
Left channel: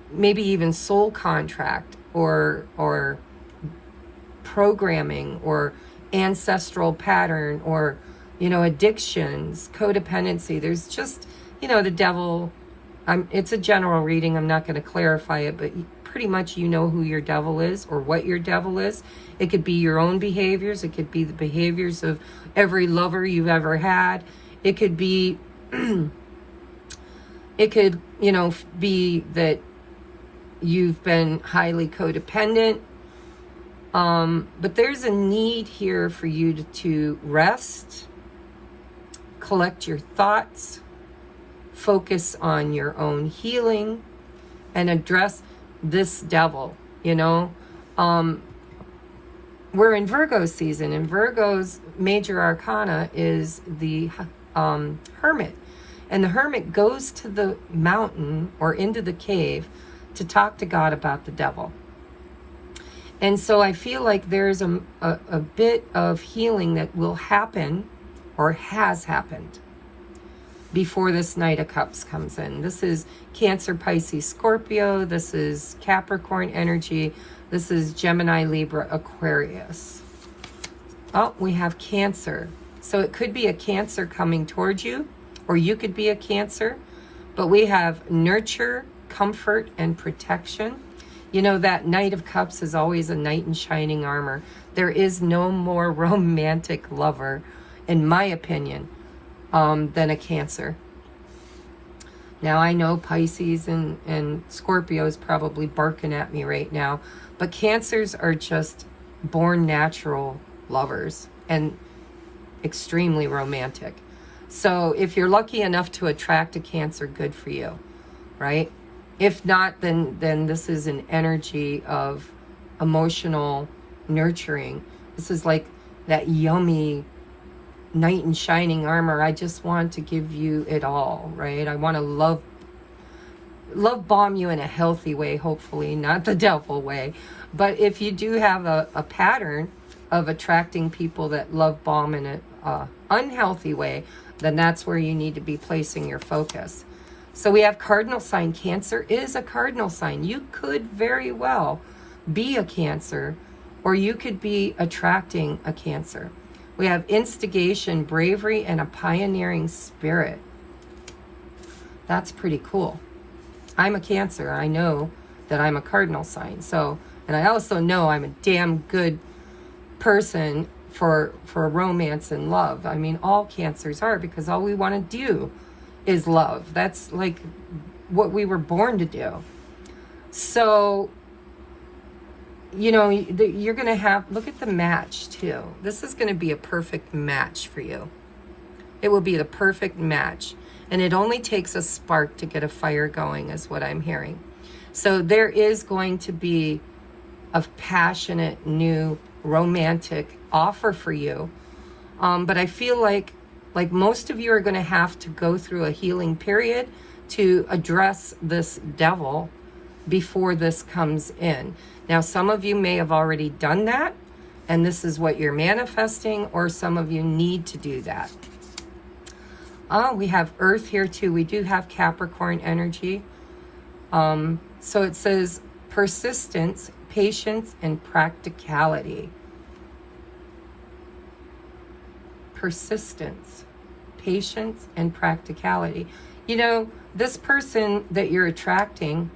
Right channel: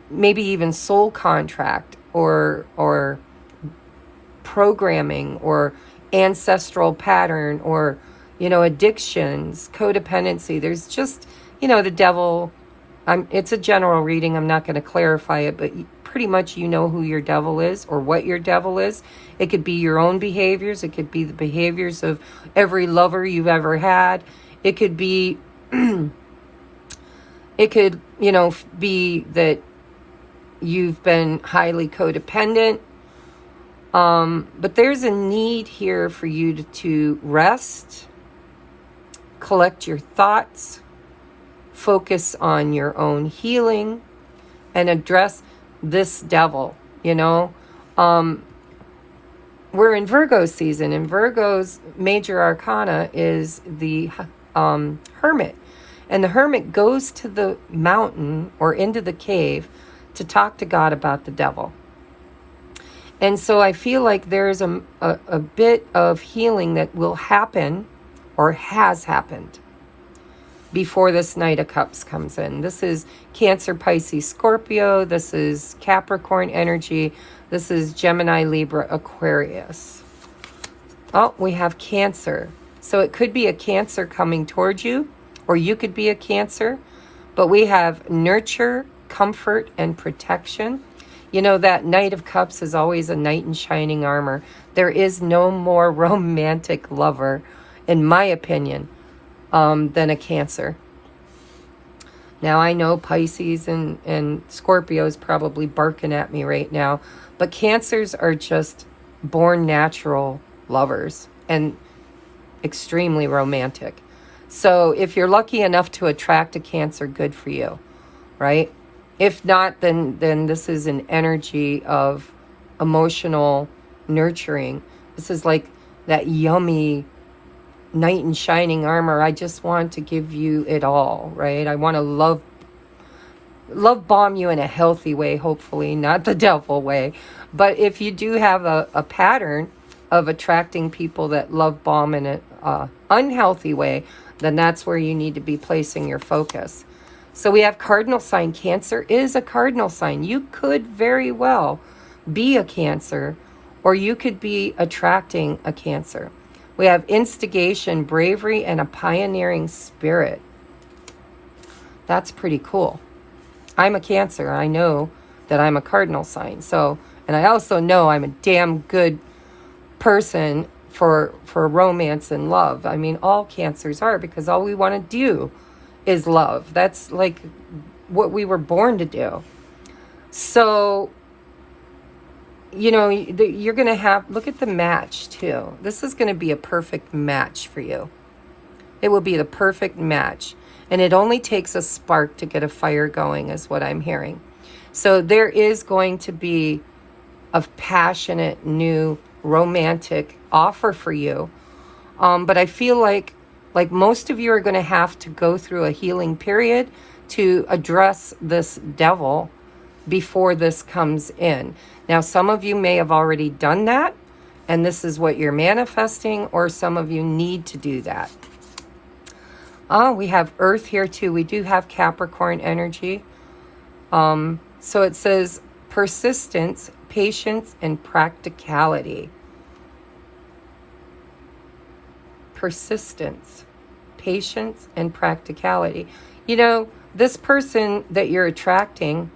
maybe even soul contract or programming or ancestral pattern or, you know, addictions, codependency. There's just, you know, the Devil. It's a general reading. I'm not going to clarify it, but pretty much you know who your devil is or what your devil is. It could be your own behaviors. It could be the behaviors of every lover you've ever had. It could be, it could, you know, be that you've been highly codependent. But there's a need here for you to rest, collect your thoughts, focus on your own healing, and address this Devil, you know. We're in Virgo season, and Virgo's major arcana is the Hermit. And the Hermit goes to the mountain or into the cave to talk to God about the Devil. And so I feel like there's a bit of healing that will happen or has happened before this Knight of Cups comes in. This is Cancer, Pisces, Scorpio. This is Capricorn energy. This is Gemini, Libra, Aquarius. Oh, we have Cancer. So it could be a Cancer coming towards you, or you could be a Cancer. But we have nurture, comfort, and protection. You know, that Knight of Cups is always a knight in shining armor. There is no more romantic lover, in my opinion, than a Cancer. Now, I know Pisces and Scorpios probably barking at me right now, but Cancers are just born natural lovers and extremely romantic. So if you're lucky enough to attract a Cancer, good for you, right? If not, then this is an energy of emotional nurturing. This is like that yummy knight in shining armor. I just want to give you it all, right? I want to love bomb you in a healthy way, hopefully, not the devil way. But if you do have a pattern of attracting people that love bomb in an unhealthy way, then that's where you need to be placing your focus. So we have cardinal sign. Cancer is a cardinal sign. You could very well be a Cancer, or you could be attracting a Cancer. We have instigation, bravery, and a pioneering spirit. That's pretty cool. I'm a Cancer. I know that I'm a cardinal sign. So, and I also know I'm a damn good person for romance and love. I mean, all Cancers are, because all we want to do is love. That's like what we were born to do. So, you know, you're going to have, look at the match too. This is going to be a perfect match for you. It will be the perfect match. And it only takes a spark to get a fire going, is what I'm hearing. So there is going to be a passionate, new, romantic offer for you. But I feel like most of you are going to have to go through a healing period to address this devil before this comes in. Now, some of you may have already done that, and this is what you're manifesting, or some of you need to do that. We have Earth here too. We do have Capricorn energy. So it says persistence, patience, and practicality. Persistence, patience, and practicality. You know, this person that you're attracting,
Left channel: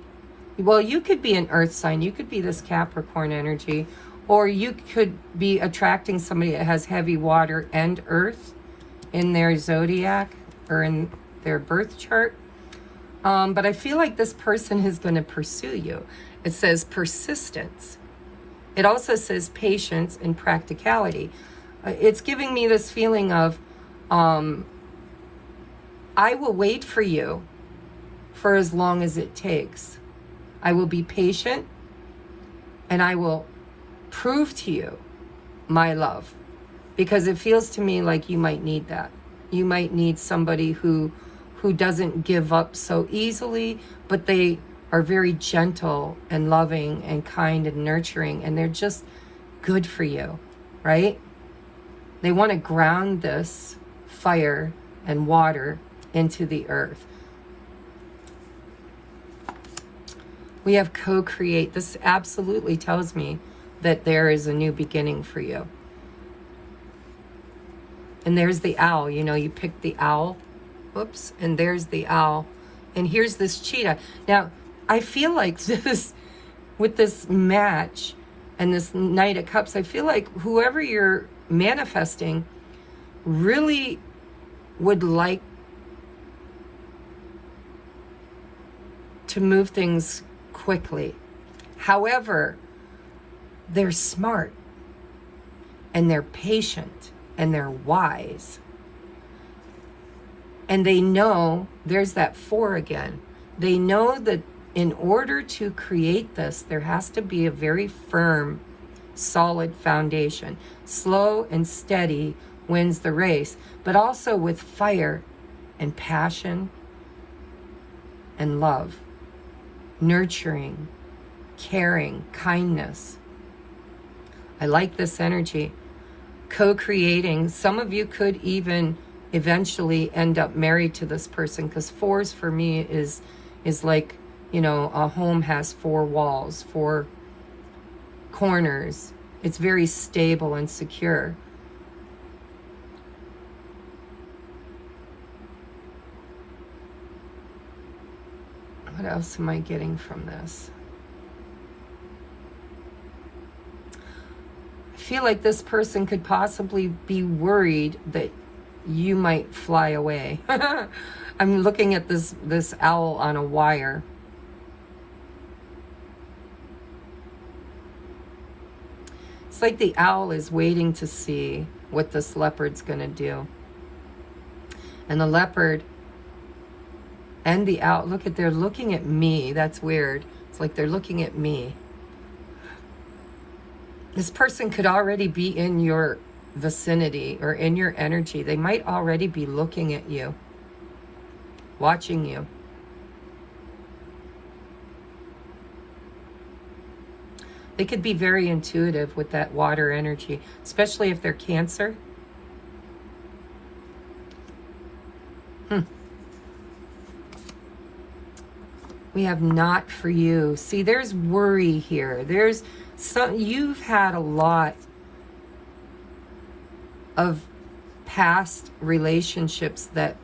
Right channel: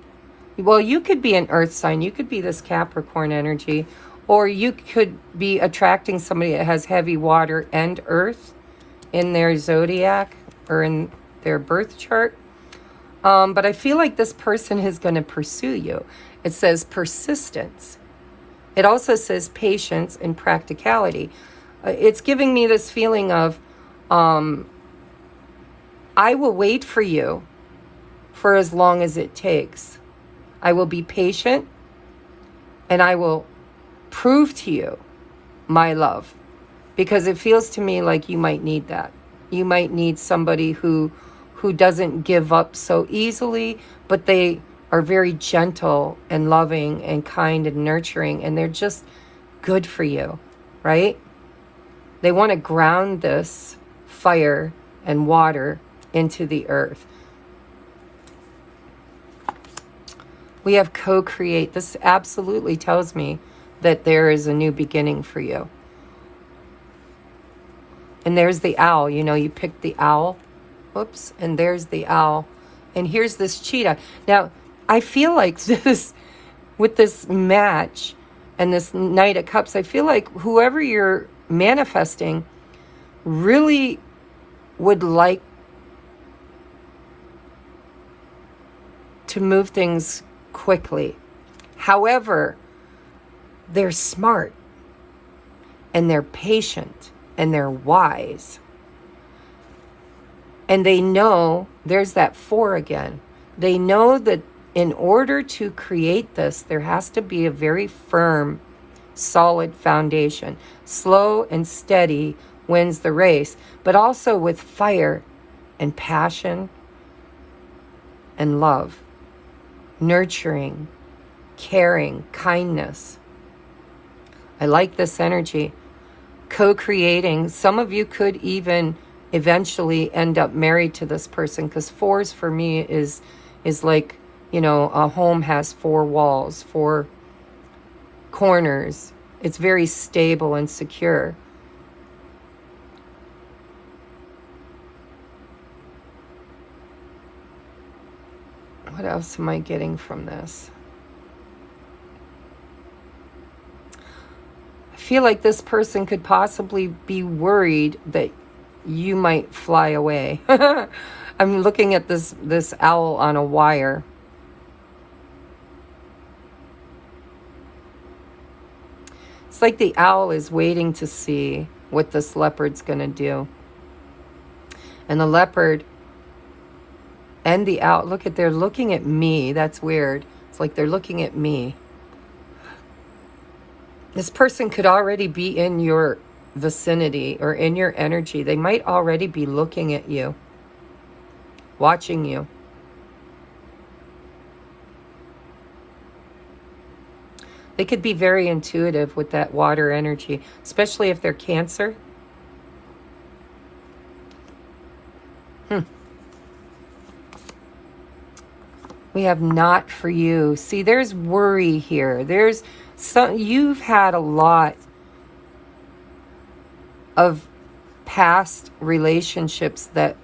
well, you could be an earth sign. You could be this Capricorn energy, or you could be attracting somebody that has heavy water and earth in their zodiac or in their birth chart. But I feel like this person is going to pursue you. It says persistence. It also says patience and practicality. It's giving me this feeling of, I will wait for you for as long as it takes. I will be patient, and I will prove to you my love, because it feels to me like you might need that. You might need somebody who doesn't give up so easily, but they are very gentle and loving and kind and nurturing, and they're just good for you, right? They want to ground this fire and water into the earth. We have co-create. This absolutely tells me that there is a new beginning for you. And there's the owl. You know, you picked the owl. Oops. And there's the owl. And here's this cheetah. Now, I feel like this, with this match and this Knight of Cups, I feel like whoever you're manifesting really would like to move things quickly. However, they're smart, and they're patient, and they're wise. And they know, there's that 4 again. They know that in order to create this, there has to be a very firm, solid foundation. Slow and steady wins the race, but also with fire and passion and love, nurturing, caring, kindness. I like this energy. Co-creating. Some of you could even eventually end up married to this person, because fours for me is like, you know, a home has 4 walls, 4 corners. It's very stable and secure. What else am I getting from this? I feel like this person could possibly be worried that you might fly away. I'm looking at this owl on a wire. It's like the owl is waiting to see what this leopard's going to do. And the leopard and the owl, look at, they're looking at me. That's weird. It's like they're looking at me. This person could already be in your vicinity or in your energy. They might already be looking at you, watching you. They could be very intuitive with that water energy, especially if they're Cancer. We have not for you. See, there's worry here. There's some, you've had a lot of past relationships that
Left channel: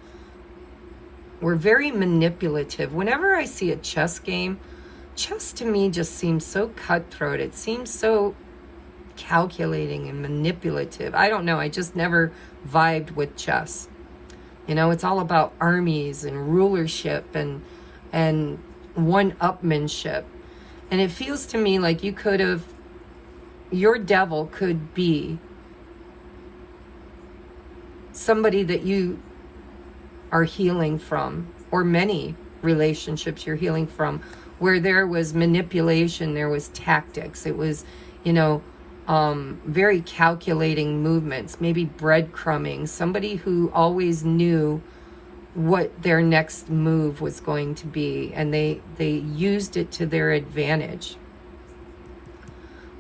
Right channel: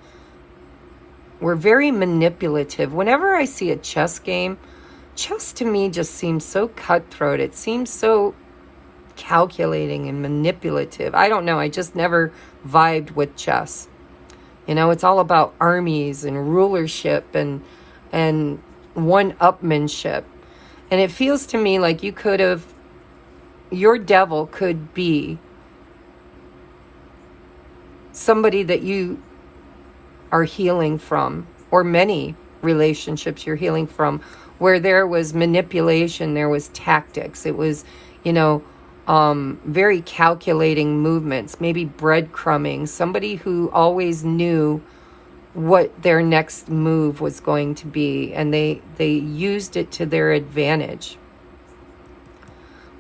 were very manipulative. Whenever I see a chess game, chess to me just seems so cutthroat. It seems so calculating and manipulative. I don't know. I just never vibed with chess. You know, it's all about armies and rulership and one-upmanship. And it feels to me like you could have, your devil could be somebody that you are healing from, or many relationships you're healing from, where there was manipulation, there was tactics. It was, you know, very calculating movements, maybe breadcrumbing, somebody who always knew what their next move was going to be, and they used it to their advantage.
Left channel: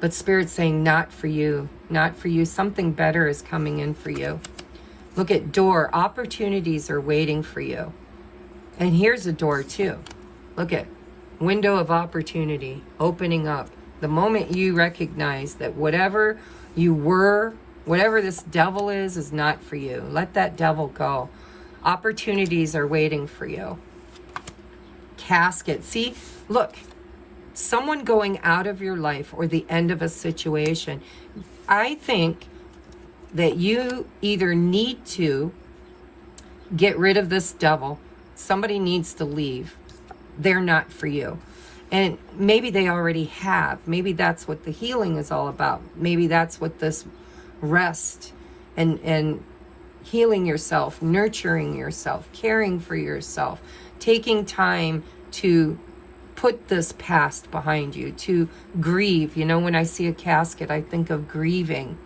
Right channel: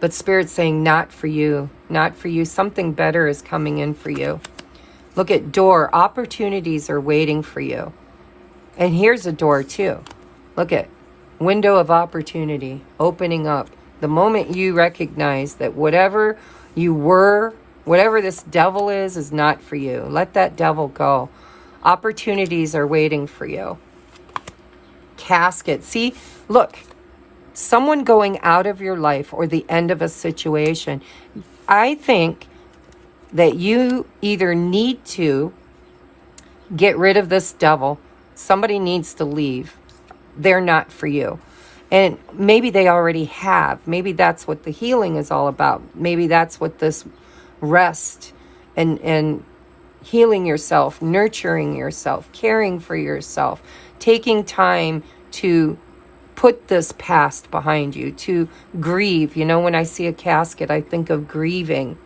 But Spirit's saying, not for you, not for you. Something better is coming in for you. Look at door. Opportunities are waiting for you. And here's a door too. Look at window of opportunity opening up. The moment you recognize that whatever you were, whatever this devil is not for you. Let that devil go. Opportunities are waiting for you. Casket. See, look, someone going out of your life or the end of a situation. I think that you either need to get rid of this devil. Somebody needs to leave. They're not for you. And maybe they already have. Maybe that's what the healing is all about. Maybe that's what this rest and healing yourself, nurturing yourself, caring for yourself, taking time to put this past behind you, to grieve. You know, when I see a casket, I think of grieving.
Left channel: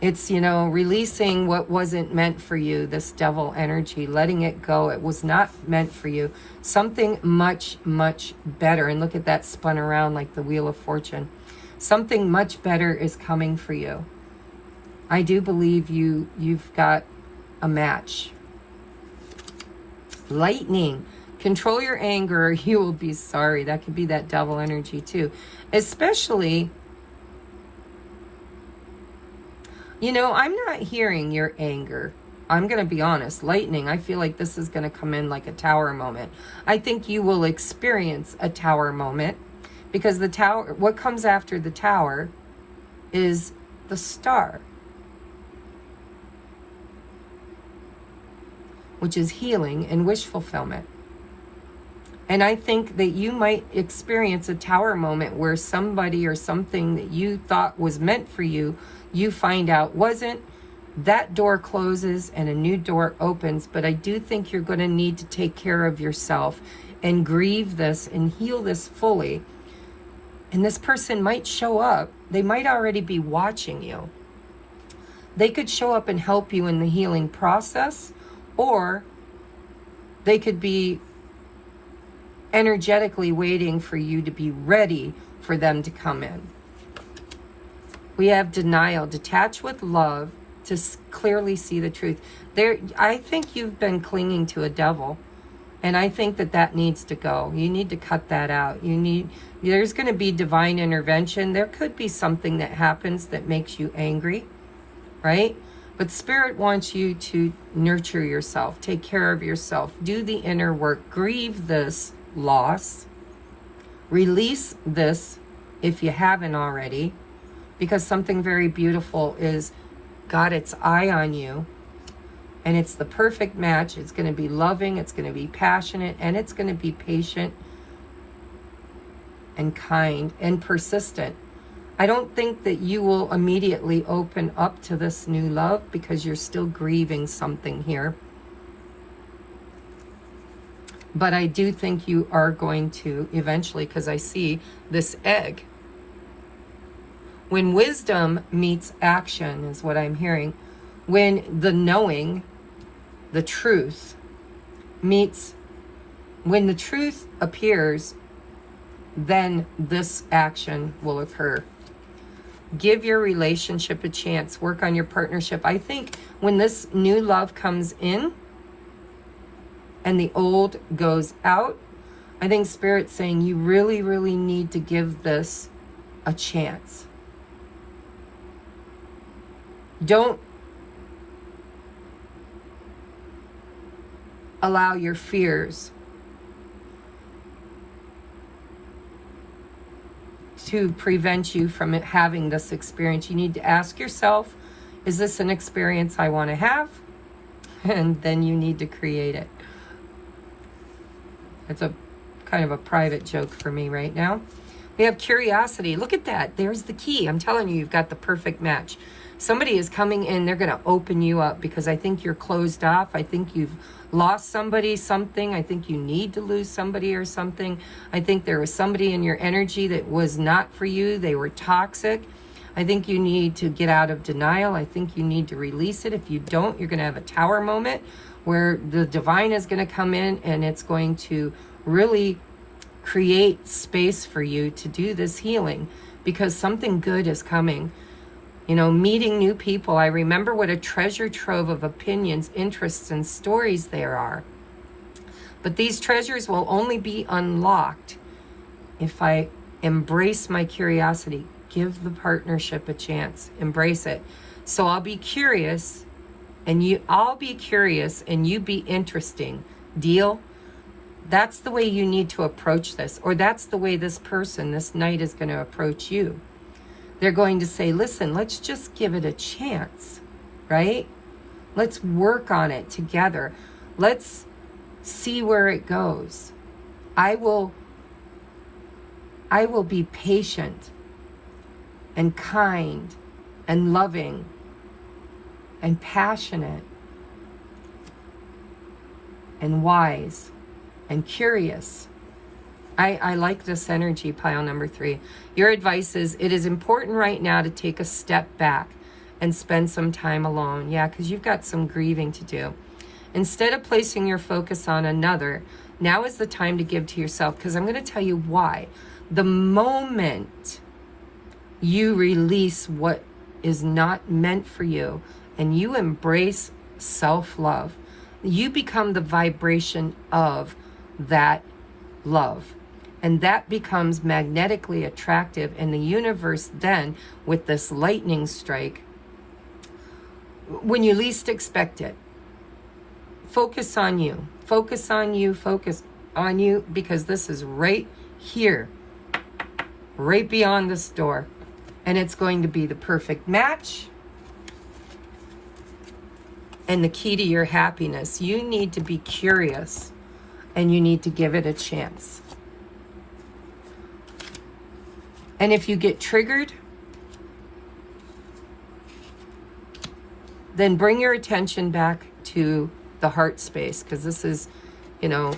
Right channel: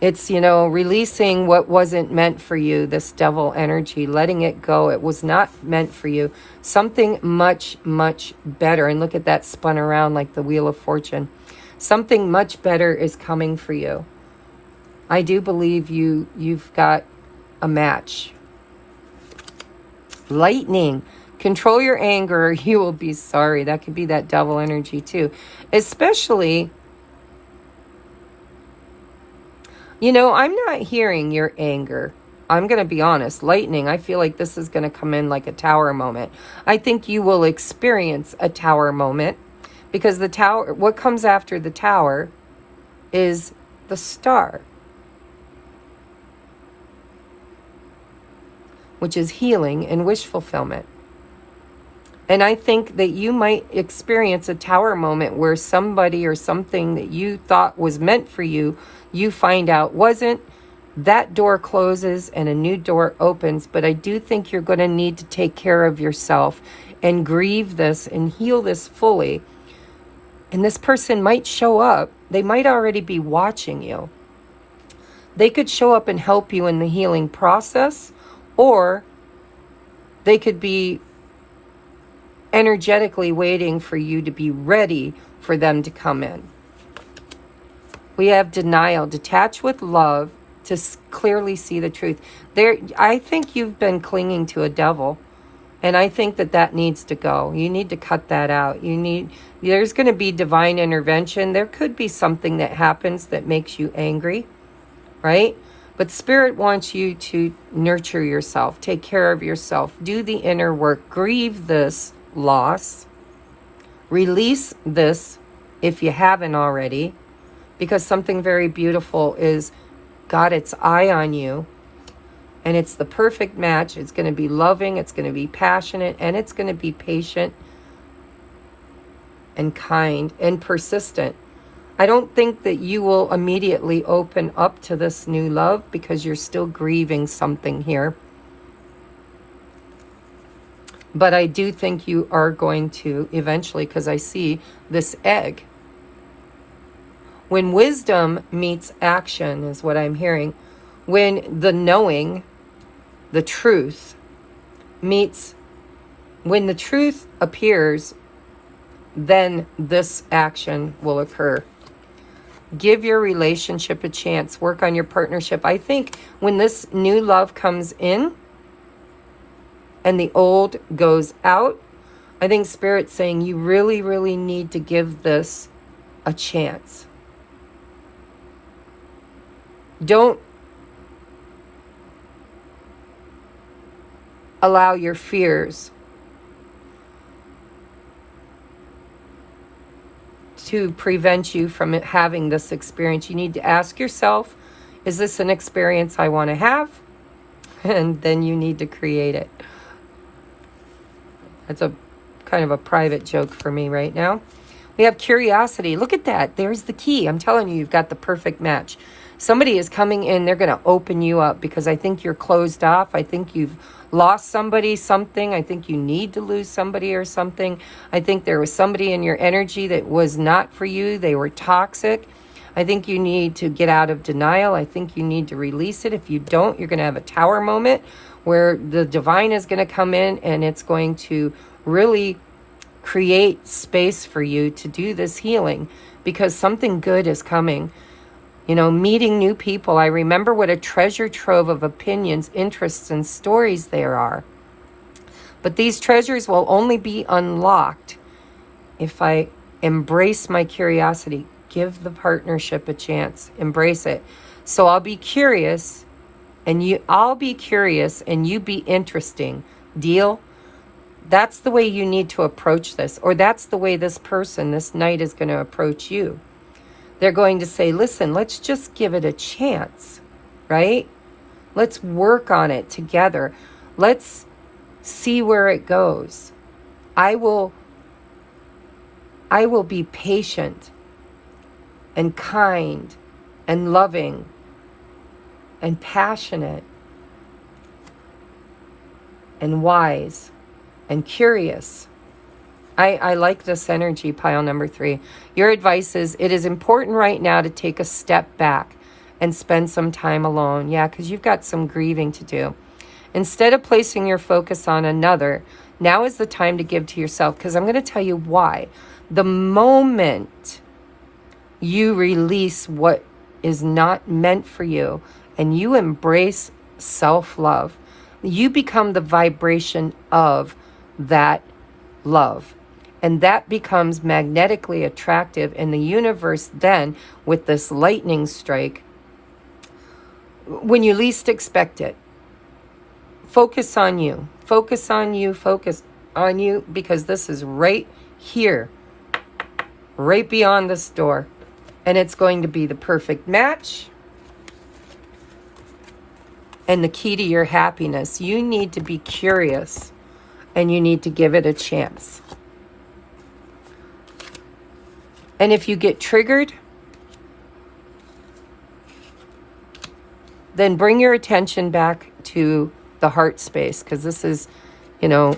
It's, you know, releasing what wasn't meant for you, this devil energy, letting it go. It was not meant for you. Something much, much better. And look at that spun around like the Wheel of Fortune. Something much better is coming for you. I do believe you've got a match. Lightning. Control your anger or you will be sorry. That could be that devil energy too. Especially, you know, I'm not hearing your anger. I'm going to be honest. Lightning, I feel like this is going to come in like a tower moment. I think you will experience a tower moment, because the tower, what comes after the tower is the star, which is healing and wish fulfillment. And I think that you might experience a tower moment where somebody or something that you thought was meant for you, you find out wasn't. That door closes and a new door opens. But I do think you're going to need to take care of yourself and grieve this and heal this fully. And this person might show up. They might already be watching you. They could show up and help you in the healing process, or they could be energetically waiting for you to be ready for them to come in. We have denial. Detach with love to clearly see the truth. I think you've been clinging to a devil. And I think that needs to go. You need to cut that out. There's going to be divine intervention. There could be something that happens that makes you angry, right? But Spirit wants you to nurture yourself, take care of yourself, do the inner work, grieve this loss, release this if you haven't already, because something very beautiful is got its eye on you, and it's the perfect match. It's going to be loving, it's going to be passionate, and it's going to be patient and kind and persistent. I don't think that you will immediately open up to this new love because you're still grieving something here. But I do think you are going to eventually, because I see this egg. When wisdom meets action is what I'm hearing. When the knowing, the truth meets, when the truth appears, then this action will occur. Give your relationship a chance. Work on your partnership. I think when this new love comes in and the old goes out, I think Spirit's saying you really, really need to give this a chance. Don't allow your fears to prevent you from having this experience. You need to ask yourself, is this an experience I want to have? And then you need to create it. That's a kind of a private joke for me right now. We have curiosity. Look at that. There's the key. I'm telling you, you've got the perfect match. Somebody is coming in. They're going to open you up because I think you're closed off. I think you've lost somebody, something. I think you need to lose somebody or something. I think there was somebody in your energy that was not for you. They were toxic. I think you need to get out of denial. I think you need to release it. If you don't, you're going to have a tower moment where the divine is going to come in and it's going to really create space for you to do this healing because something good is coming. You know, meeting new people. I remember what a treasure trove of opinions, interests, and stories there are. But these treasures will only be unlocked if I embrace my curiosity. Give the partnership a chance. Embrace it. So I'll be curious, and I'll be curious, and you be interesting. Deal? That's the way you need to approach this, or that's the way this person, this knight, is going to approach you. They're going to say, listen, let's just give it a chance, right? Let's work on it together. Let's see where it goes. I will be patient and kind and loving and passionate and wise and curious. I like this energy, pile number 3. Your advice is, it is important right now to take a step back and spend some time alone. Yeah, because you've got some grieving to do. Instead of placing your focus on another, now is the time to give to yourself, because I'm going to tell you why. The moment you release what is not meant for you and you embrace self-love, you become the vibration of that love. And that becomes magnetically attractive in the universe then with this lightning strike when you least expect it. Focus on you. Focus on you. Focus on you, because this is right here, right beyond this door. And it's going to be the perfect match and the key to your happiness. You need to be curious and you need to give it a chance. And if you get triggered, then bring your attention back to the heart space, because this is, you know,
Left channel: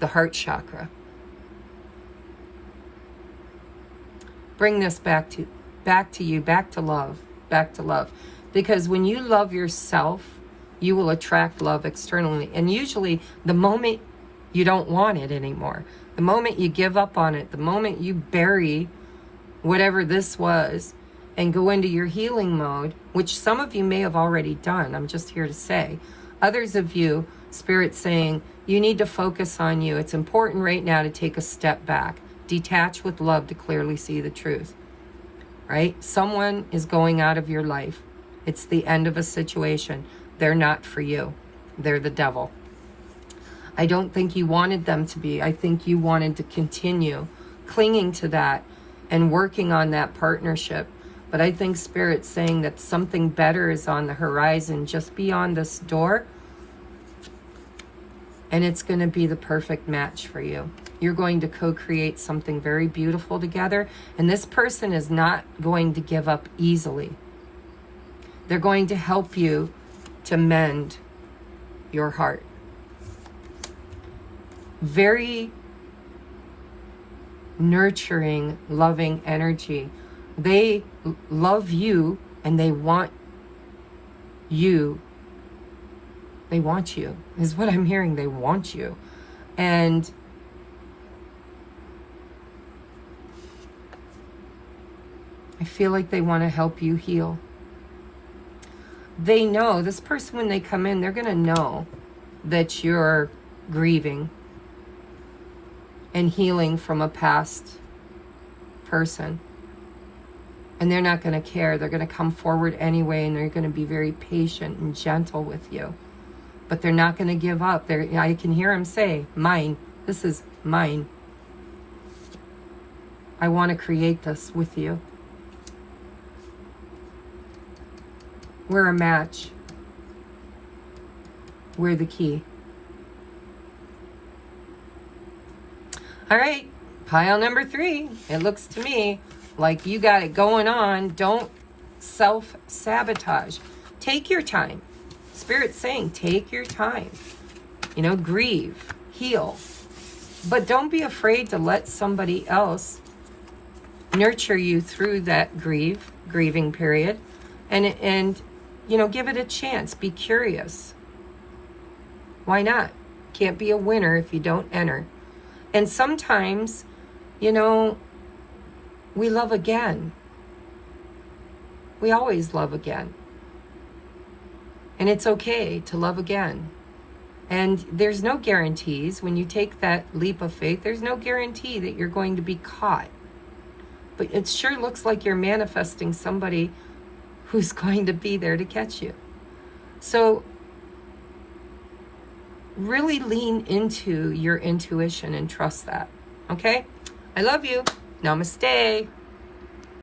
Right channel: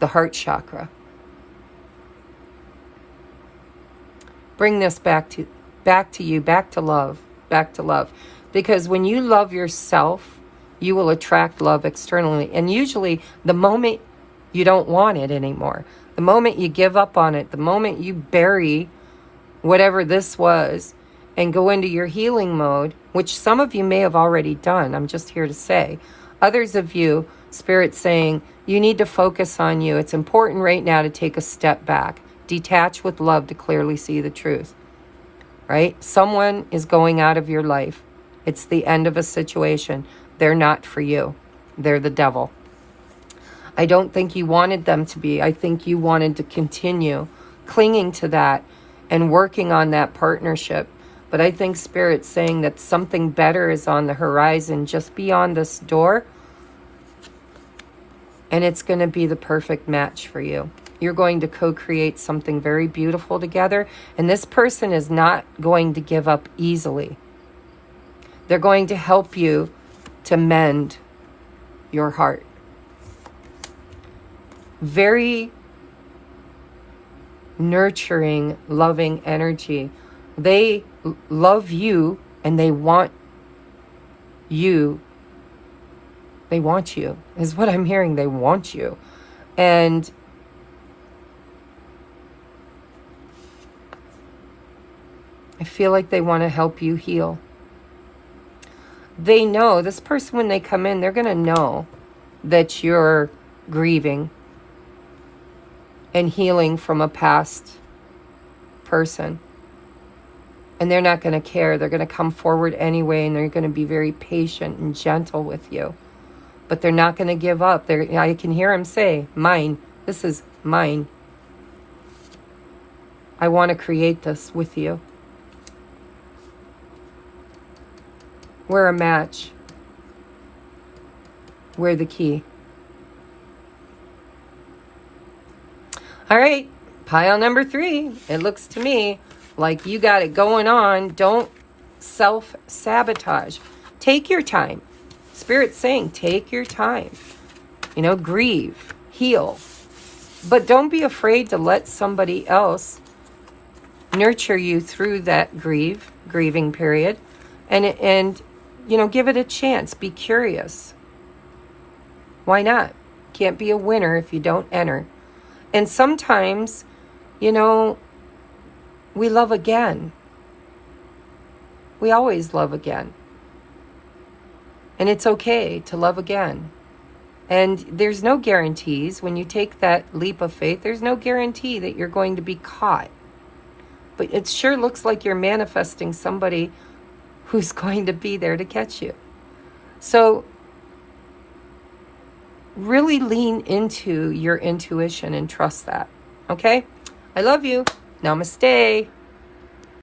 the heart chakra. Bring this back to you, back to love, back to love. Because when you love yourself, you will attract love externally. And usually the moment you don't want it anymore, the moment you give up on it, the moment you bury whatever this was, and go into your healing mode, which some of you may have already done. I'm just here to say. Others of you, Spirit's saying, you need to focus on you. It's important right now to take a step back. Detach with love to clearly see the truth. Right? Someone is going out of your life. It's the end of a situation. They're not for you. They're the devil. I don't think you wanted them to be. I think you wanted to continue clinging to that and working on that partnership. But I think Spirit's saying that something better is on the horizon just beyond this door. And it's going to be the perfect match for you. You're going to co-create something very beautiful together. And this person is not going to give up easily. They're going to help you to mend your heart. Very nurturing, loving energy. They love you and they want you. They want you, is what I'm hearing. They want you. And I feel like they want to help you heal. They know, this person, when they come in, they're going to know that you're grieving and healing from a past person. And they're not going to care. They're going to come forward anyway, and they're going to be very patient and gentle with you. But they're not going to give up. I can hear them say, mine. This is mine. I want to create this with you. We're a match. We're the key. All right, pile number 3. It looks to me like you got it going on. Don't self-sabotage. Take your time. Spirit's saying, take your time. You know, grieve, heal. But don't be afraid to let somebody else nurture you through that grieving period. And you know, give it a chance. Be curious. Why not? Can't be a winner if you don't enter. And sometimes, you know, we love again. We always love again. And it's okay to love again. And there's no guarantees. When you take that leap of faith, there's no guarantee that you're going to be caught. But it sure looks like you're manifesting somebody who's going to be there to catch you. So really lean into your intuition and trust that. Okay? I love you. Namaste.